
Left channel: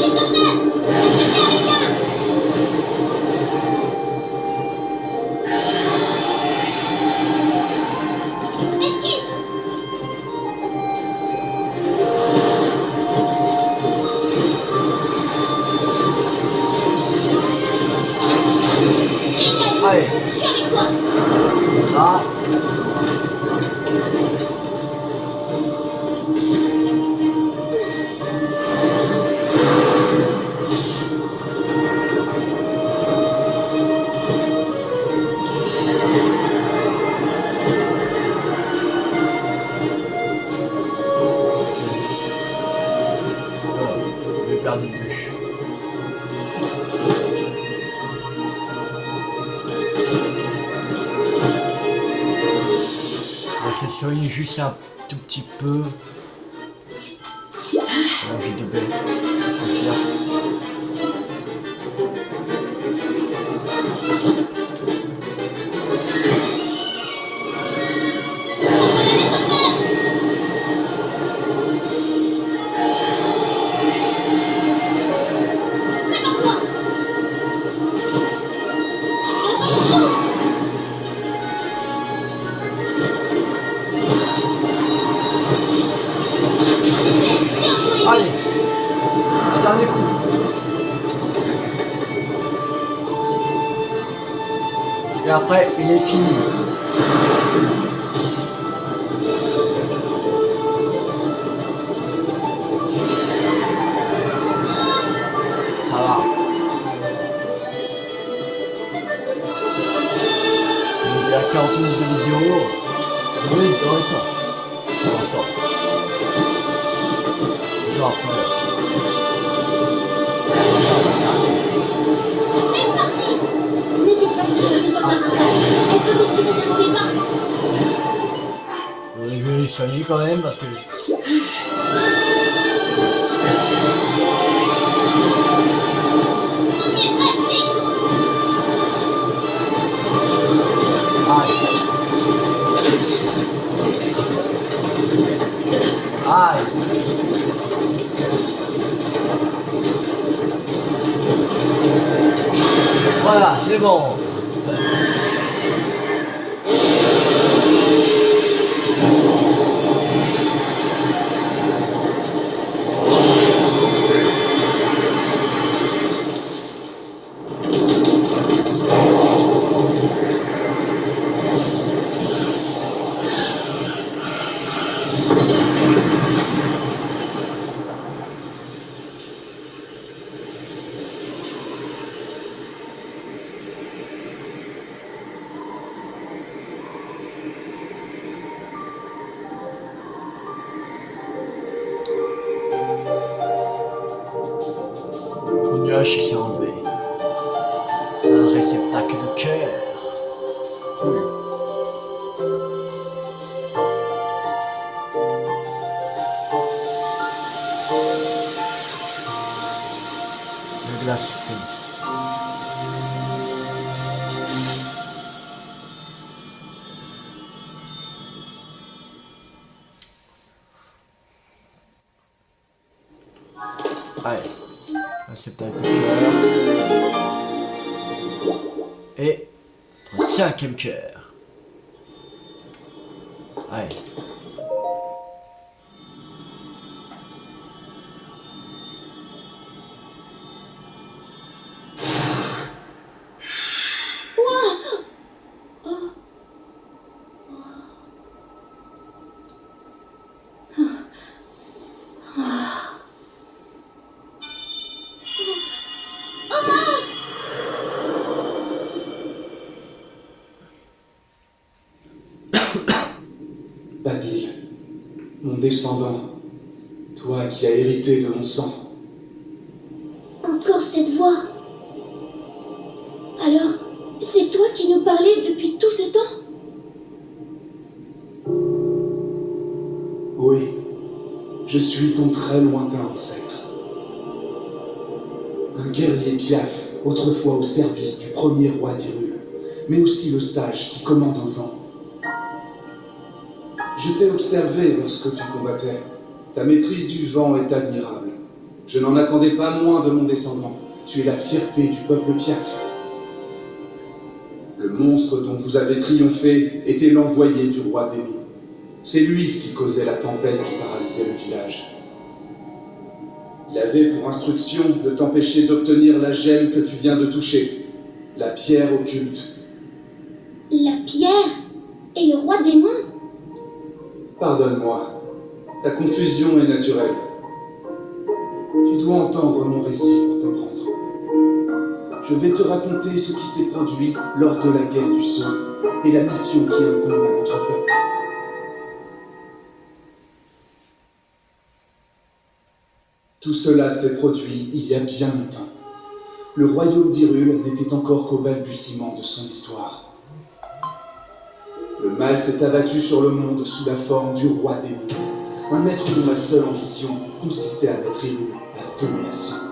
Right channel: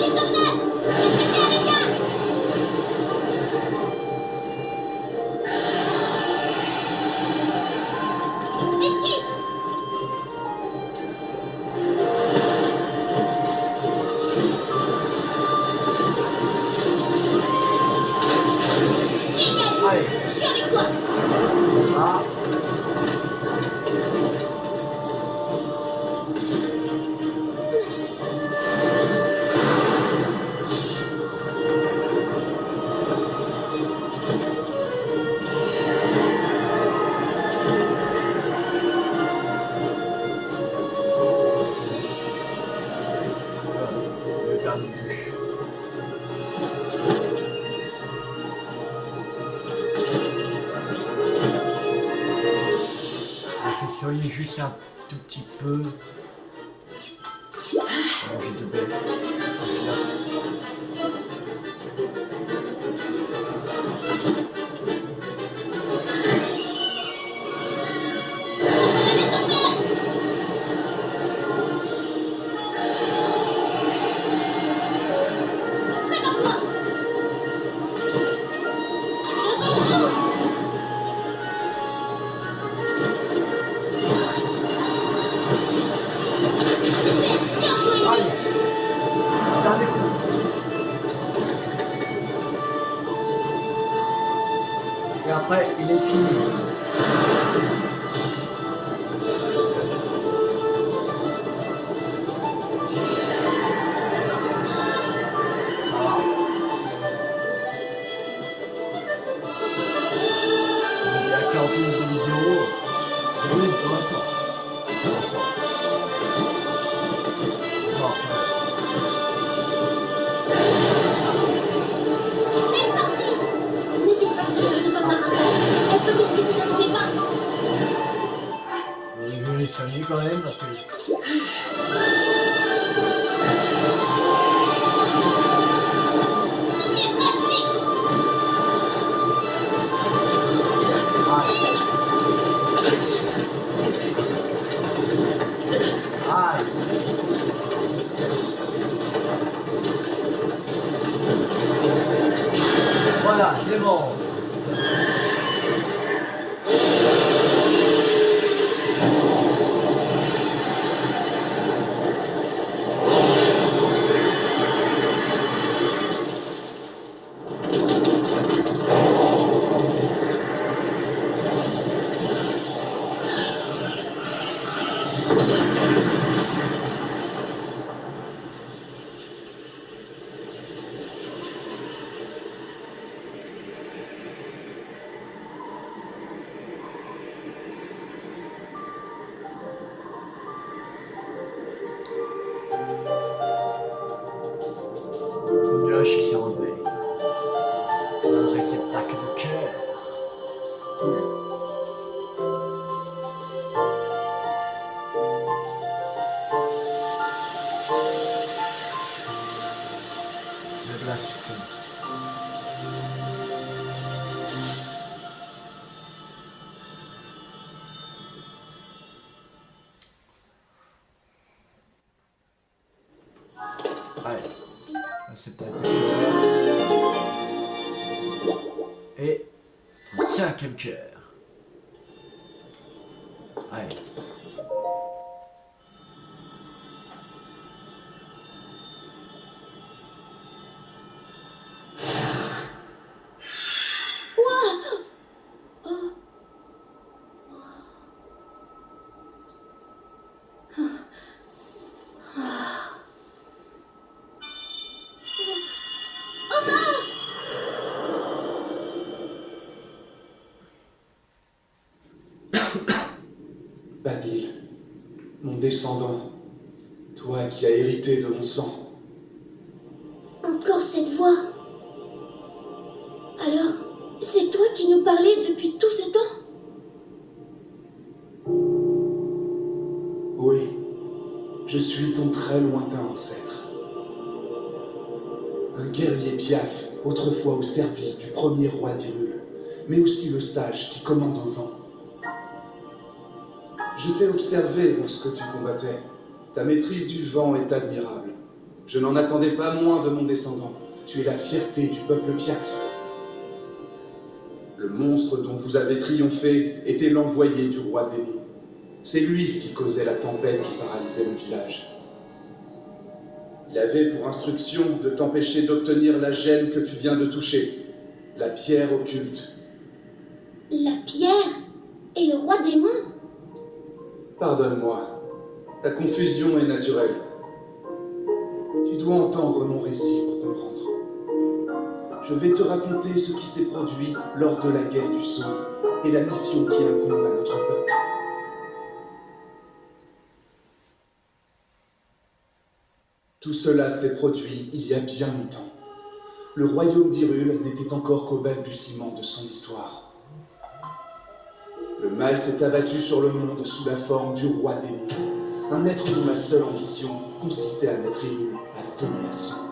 Les tornades. Restez bien, les gars. Esquive. Génial. Allez. Je suis avec toi. Ah. J'ai perdu de vue. On va se soigner juste un tout petit peu. J'ai de baies. Je suis fier. Prépare-toi. Bien joué. Allez. Un dernier coup. Et après, il est fini. Ça va. Il y a 40 minutes de vidéo. Oui, dans le temps. Pour l'instant. Ça après. Ça va s'arrêter. C'est parti. N'hésite pas si tu as besoin d'un rappel. Elle peut te tirer d'un mauvais pas. Je vais les soigner quand même parce que. On y est presque, Link. Aïe. Aïe. Voilà, c'est bon. Le nuage qui s'est enlevé. Un réceptacle de cœur. blasphème. Allez, réceptacle de cœur. Et notre 5e cœur. Allez. Babil, mon descendant, toi qui as hérité de mon sang. Encore cette voix. Alors, c'est toi qui nous parlais depuis tout ce temps? Oui, je suis ton très lointain ancêtre. Un guerrier piaf, autrefois au service du premier roi d'Hyrule, mais aussi le sage qui commande au vent. Je t'ai observé lorsque tu combattais. Ta maîtrise du vent est admirable. Je n'en attendais pas moins de mon descendant. Tu es la fierté du peuple piaf. Le monstre dont vous avez triomphé était l'envoyé du roi démon. C'est lui qui causait la tempête qui paralysait le village. Il avait pour instruction de t'empêcher d'obtenir la gemme que tu viens de toucher, la pierre occulte. La pierre et le roi démon? Pardonne-moi, ta confusion est naturelle. Tu dois entendre mon récit pour comprendre. Je vais te raconter ce qui s'est produit lors de la guerre du Sceau et la mission qui incombe à notre peuple. Tout cela s'est produit il y a bien longtemps. Le royaume d'Hyrule n'était encore qu'au balbutiement de son histoire. Le mal s'est abattu sur le monde sous la forme du roi démon, un être dont la seule ambition consistait à mettre Hyrule à feu et à sang.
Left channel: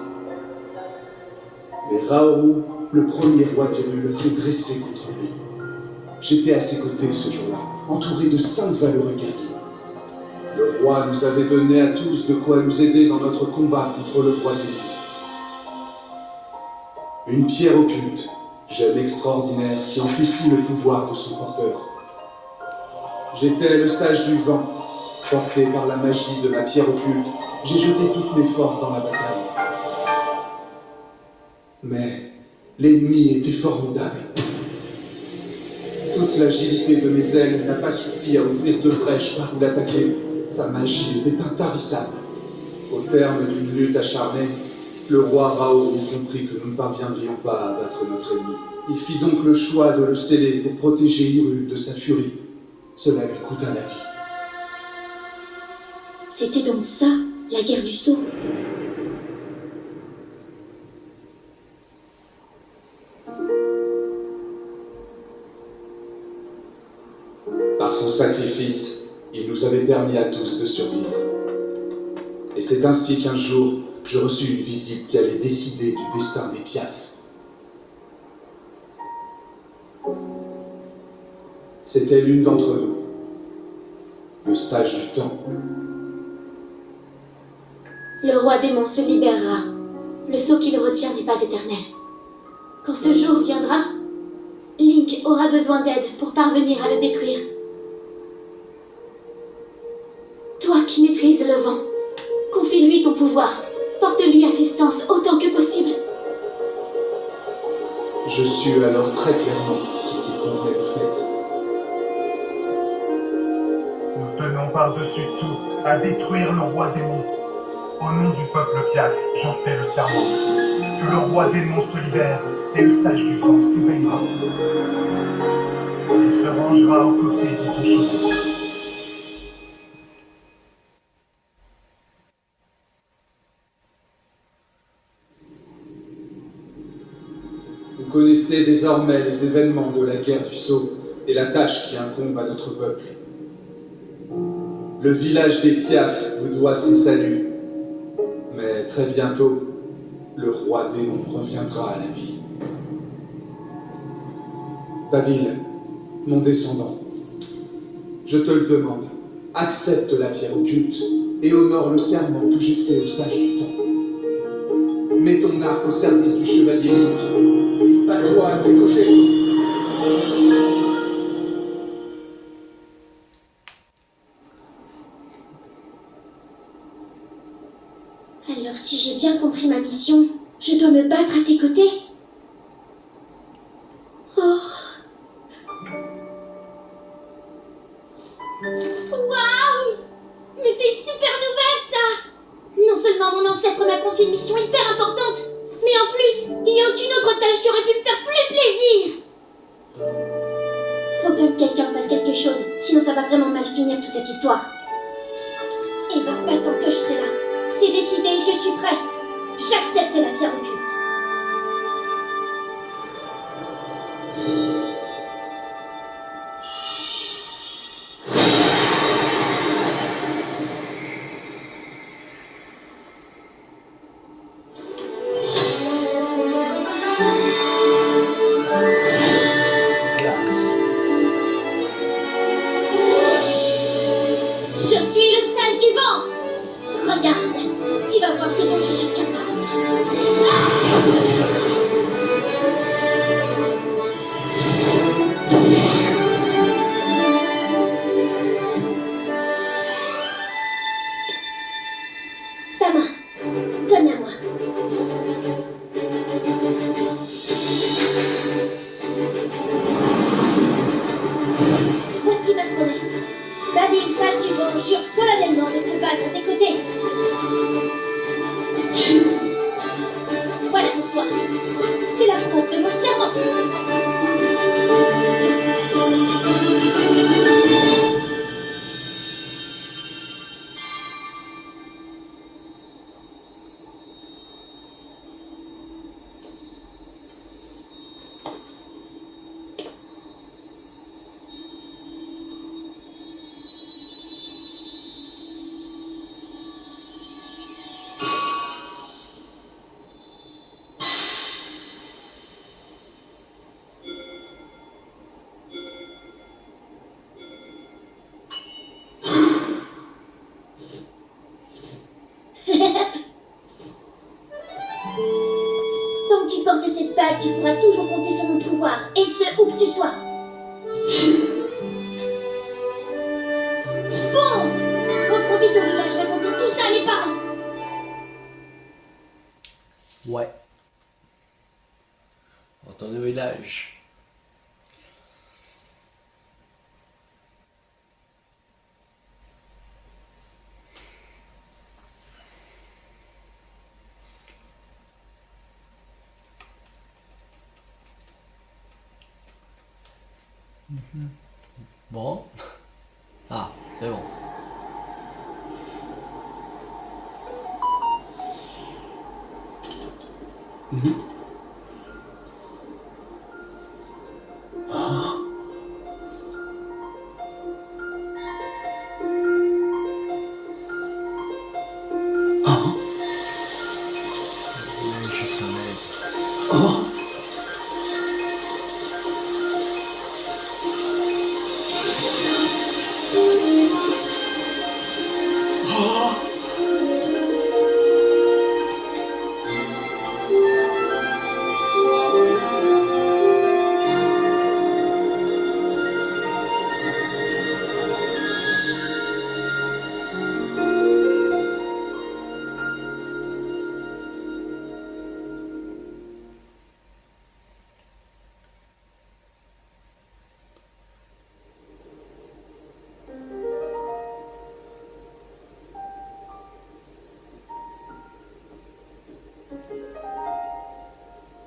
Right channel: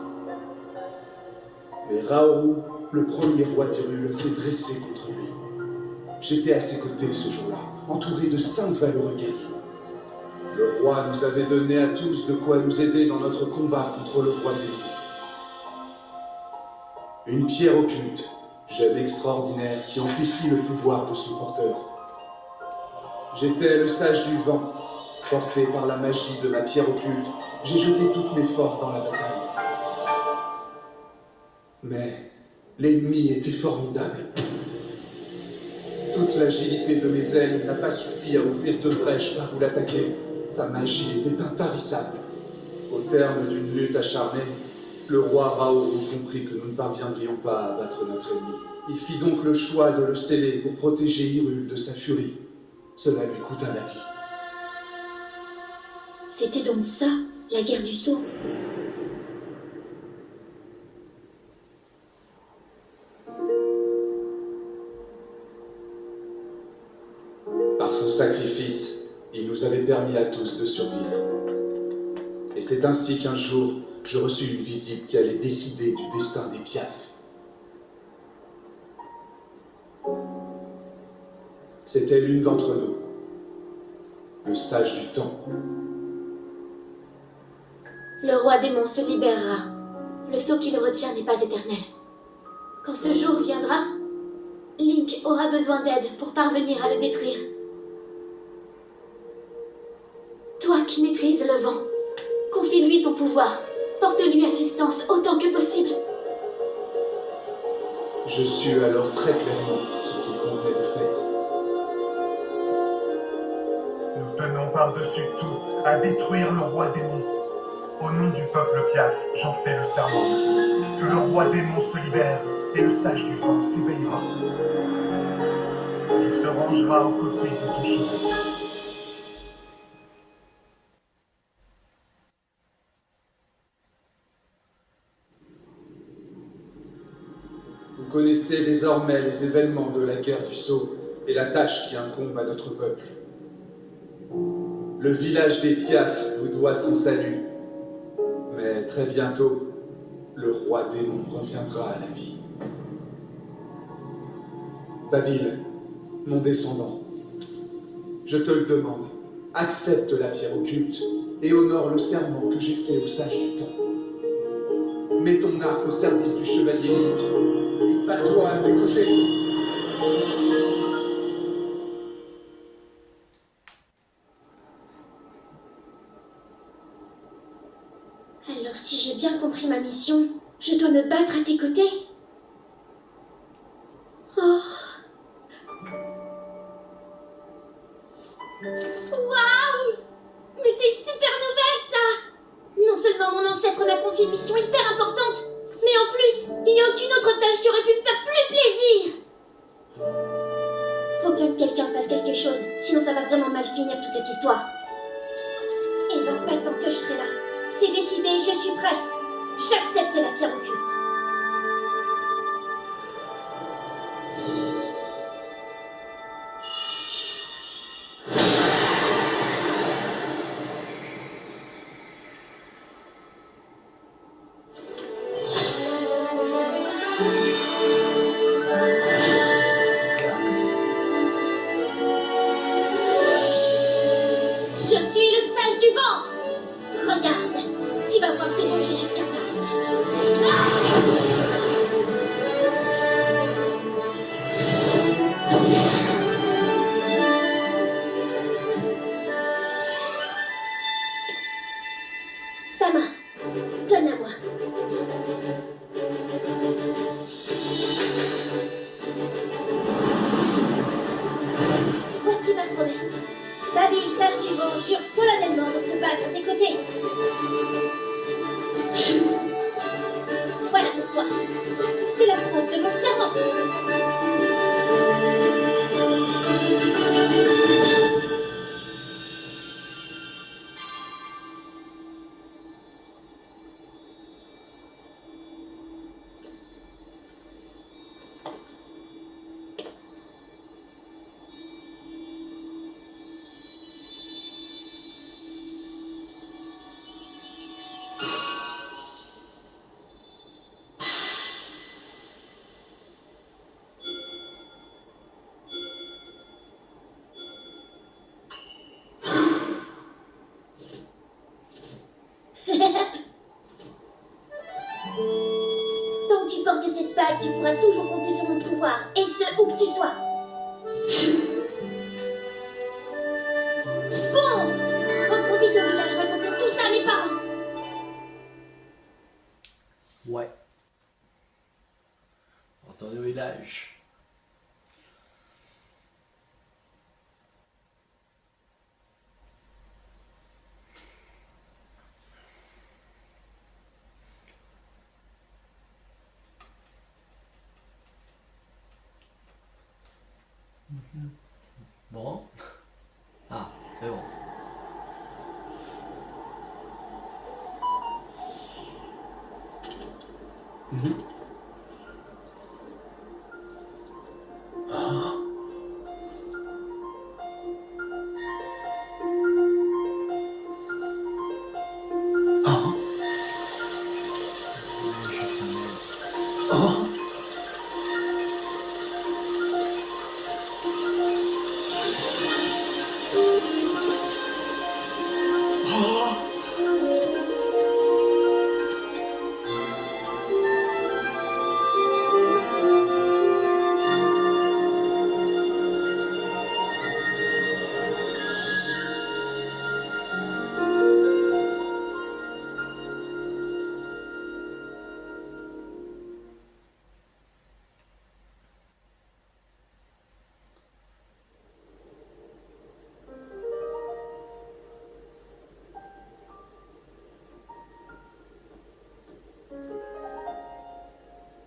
Mais Raoru, le premier roi d'Hyrule, s'est dressé contre lui. J'étais à ses côtés ce jour-là, entouré de 5 valeureux guerriers. Le roi nous avait donné à tous de quoi nous aider dans notre combat contre le roi démon. Une pierre occulte, gemme extraordinaire qui amplifie le pouvoir de son porteur. J'étais le sage du vent. Porté par la magie de ma pierre occulte, j'ai jeté toutes mes forces dans la bataille. Mais l'ennemi était formidable. Toute l'agilité de mes ailes n'a pas suffi à ouvrir 2 brèches par où l'attaquer. Sa magie était intarissable. Au terme d'une lutte acharnée, le roi Raoru comprit que nous ne parviendrions pas à abattre notre ennemi. Il fit donc le choix de le sceller pour protéger Hyrule de sa furie. Cela lui coûta la vie. C'était donc ça, la guerre du Sceau? Par son sacrifice, il nous avait permis à tous de survivre. Et c'est ainsi qu'un jour, je reçus une visite qui allait décider du destin des Piaf. C'était l'une d'entre nous, le sage du temps. Le roi démon se libérera. Le sceau qui le retient n'est pas éternel. Quand ce jour viendra, Link aura besoin d'aide pour parvenir à le détruire. Toi qui maîtrises le vent, confie-lui ton pouvoir. Porte-lui assistance autant que possible. Je sus alors très clairement ce qu'il convenait de faire. Nous tenons par-dessus tout à détruire le roi démon. Au nom du peuple Piaf, j'en fais le serment. Que le roi démon se libère et le sage du vent s'éveillera. Il se rangera aux côtés de ton chemin. Vous connaissez désormais les événements de la guerre du Sceau et la tâche qui incombe à notre peuple. Le village des Piaf vous doit son salut. Mais très bientôt, le roi démon reviendra à la vie. Babil, mon descendant, je te le demande, accepte la pierre occulte et honore le serment que j'ai fait au sage du temps. Mets ton arc au service du chevalier Link. Bats-toi à ses côtés. Alors si j'ai bien compris ma mission, je dois me battre à tes côtés? Oh. Waouh! Mais c'est une super nouvelle, ça! Non seulement mon ancêtre m'a confié une mission hyper importante, mais en plus, il n'y a aucune autre tâche qui aurait pu me faire plus plaisir! Faut bien que quelqu'un fasse quelque chose, sinon ça va vraiment mal finir toute cette histoire. Et bah, pas tant que je serai là. C'est décidé, je suis prêt. J'accepte la pierre occulte. Classe. Je suis le sage du vent. Regarde, tu vas voir ce dont je suis capable. Ta main, donne-la moi. Voici ma promesse. Babil, sage du vent, jure solennellement de se battre à tes côtés. Voilà pour toi. C'est la preuve de mon serment. Tant que tu portes cette bague, tu pourras toujours compter sur mon pouvoir, et ce, où que tu sois. Bon! Rentrons vite au village, raconter tout ça à mes parents. Ouais. Retourne au village. Bon. Ah, c'est bon. Mais je savais.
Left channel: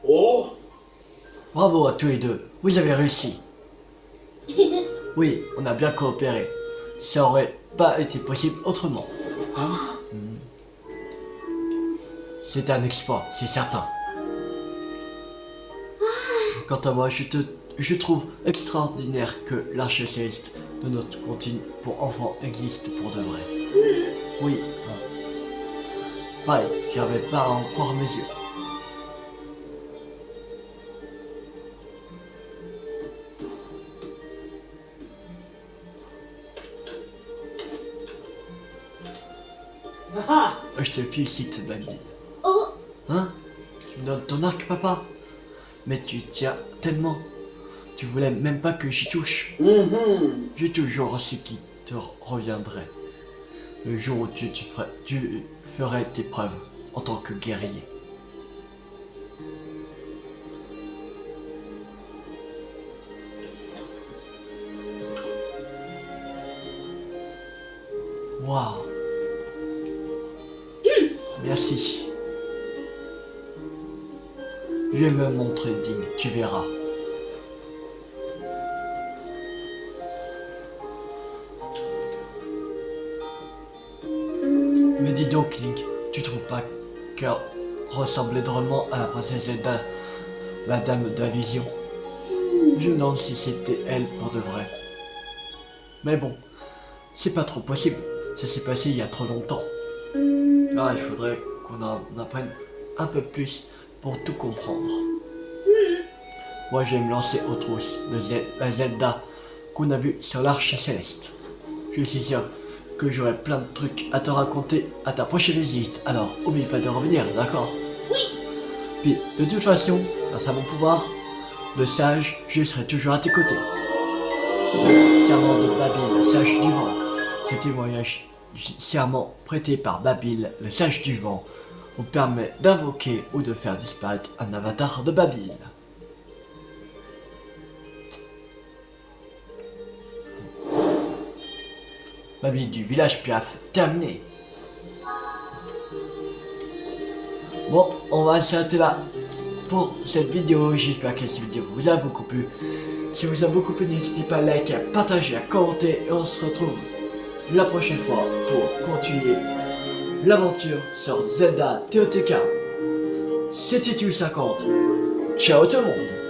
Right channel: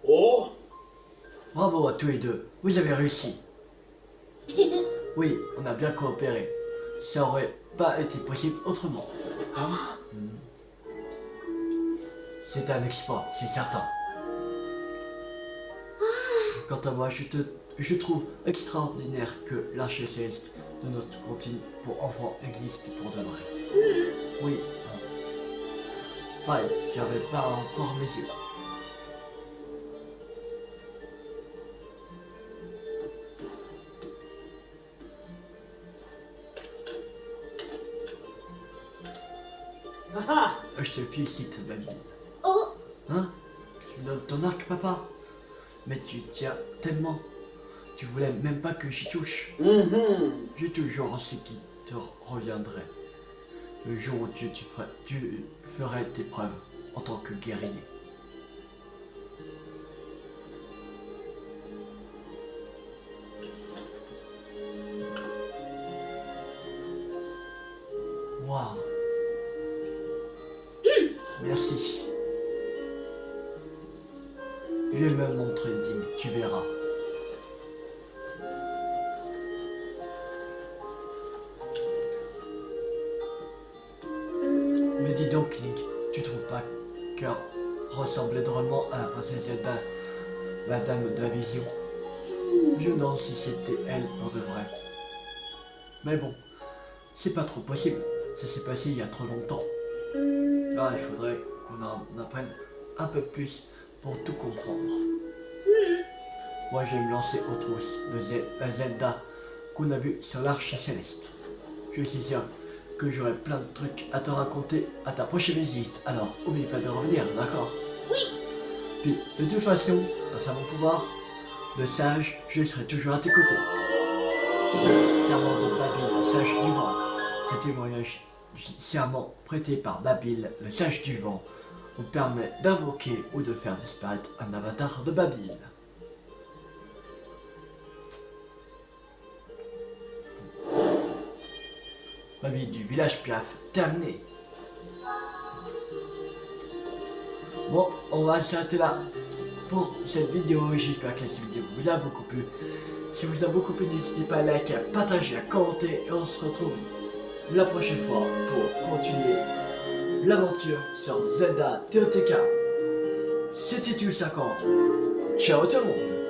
Oh, Bravo à tous les deux, vous avez réussi. Oui, on a bien coopéré. Ça aurait pas été possible autrement. C'est un exploit, c'est certain. Quant à moi, je trouve extraordinaire que l'arche céleste de notre continent pour enfants existe pour de vrai. Oui. Pareil, j'avais pas à en croire mes yeux. je te félicite, Baby. Oh, Hein? Tu me donnes ton arc, papa? Mais tu y tiens tellement. Tu voulais même pas que j'y touche. J'ai toujours su qu'il te reviendrait. Le jour où tu ferais tes preuves en tant que guerrier. Waouh. Merci. Je vais me montrer digne, tu verras. Me dis donc, Link, tu trouves pas qu'elle ressemblait drôlement à la princesse Zelda, la dame de la vision? Je me demande si c'était elle pour de vrai. Mais bon, c'est pas trop possible. Ça s'est passé il y a trop longtemps. Ah, il faudrait qu'on en apprenne un peu plus pour tout comprendre. Moi, je vais me lancer aux trousses de la Zelda qu'on a vue sur l'Arche Céleste. Je suis sûr que j'aurai plein de trucs à te raconter à ta prochaine visite. Alors, oublie pas de revenir, d'accord? oui. Puis, de toute façon, grâce à mon pouvoir de sage, je serai toujours à tes côtés. Serment de Babil, le sage du vent. Ce témoignage du serment prêté par Babil, le sage du vent, vous permet d'invoquer ou de faire disparaître un avatar de Babil. Babil du village Piaf, terminé. Bon, on va s'arrêter là pour cette vidéo. J'espère que cette vidéo vous a beaucoup plu. Si vous a beaucoup plu, n'hésitez pas à liker, à partager, à commenter. Et on se retrouve la prochaine fois pour continuer l'aventure sur Zelda TOTK. C'était Tulle50. Ciao tout le monde.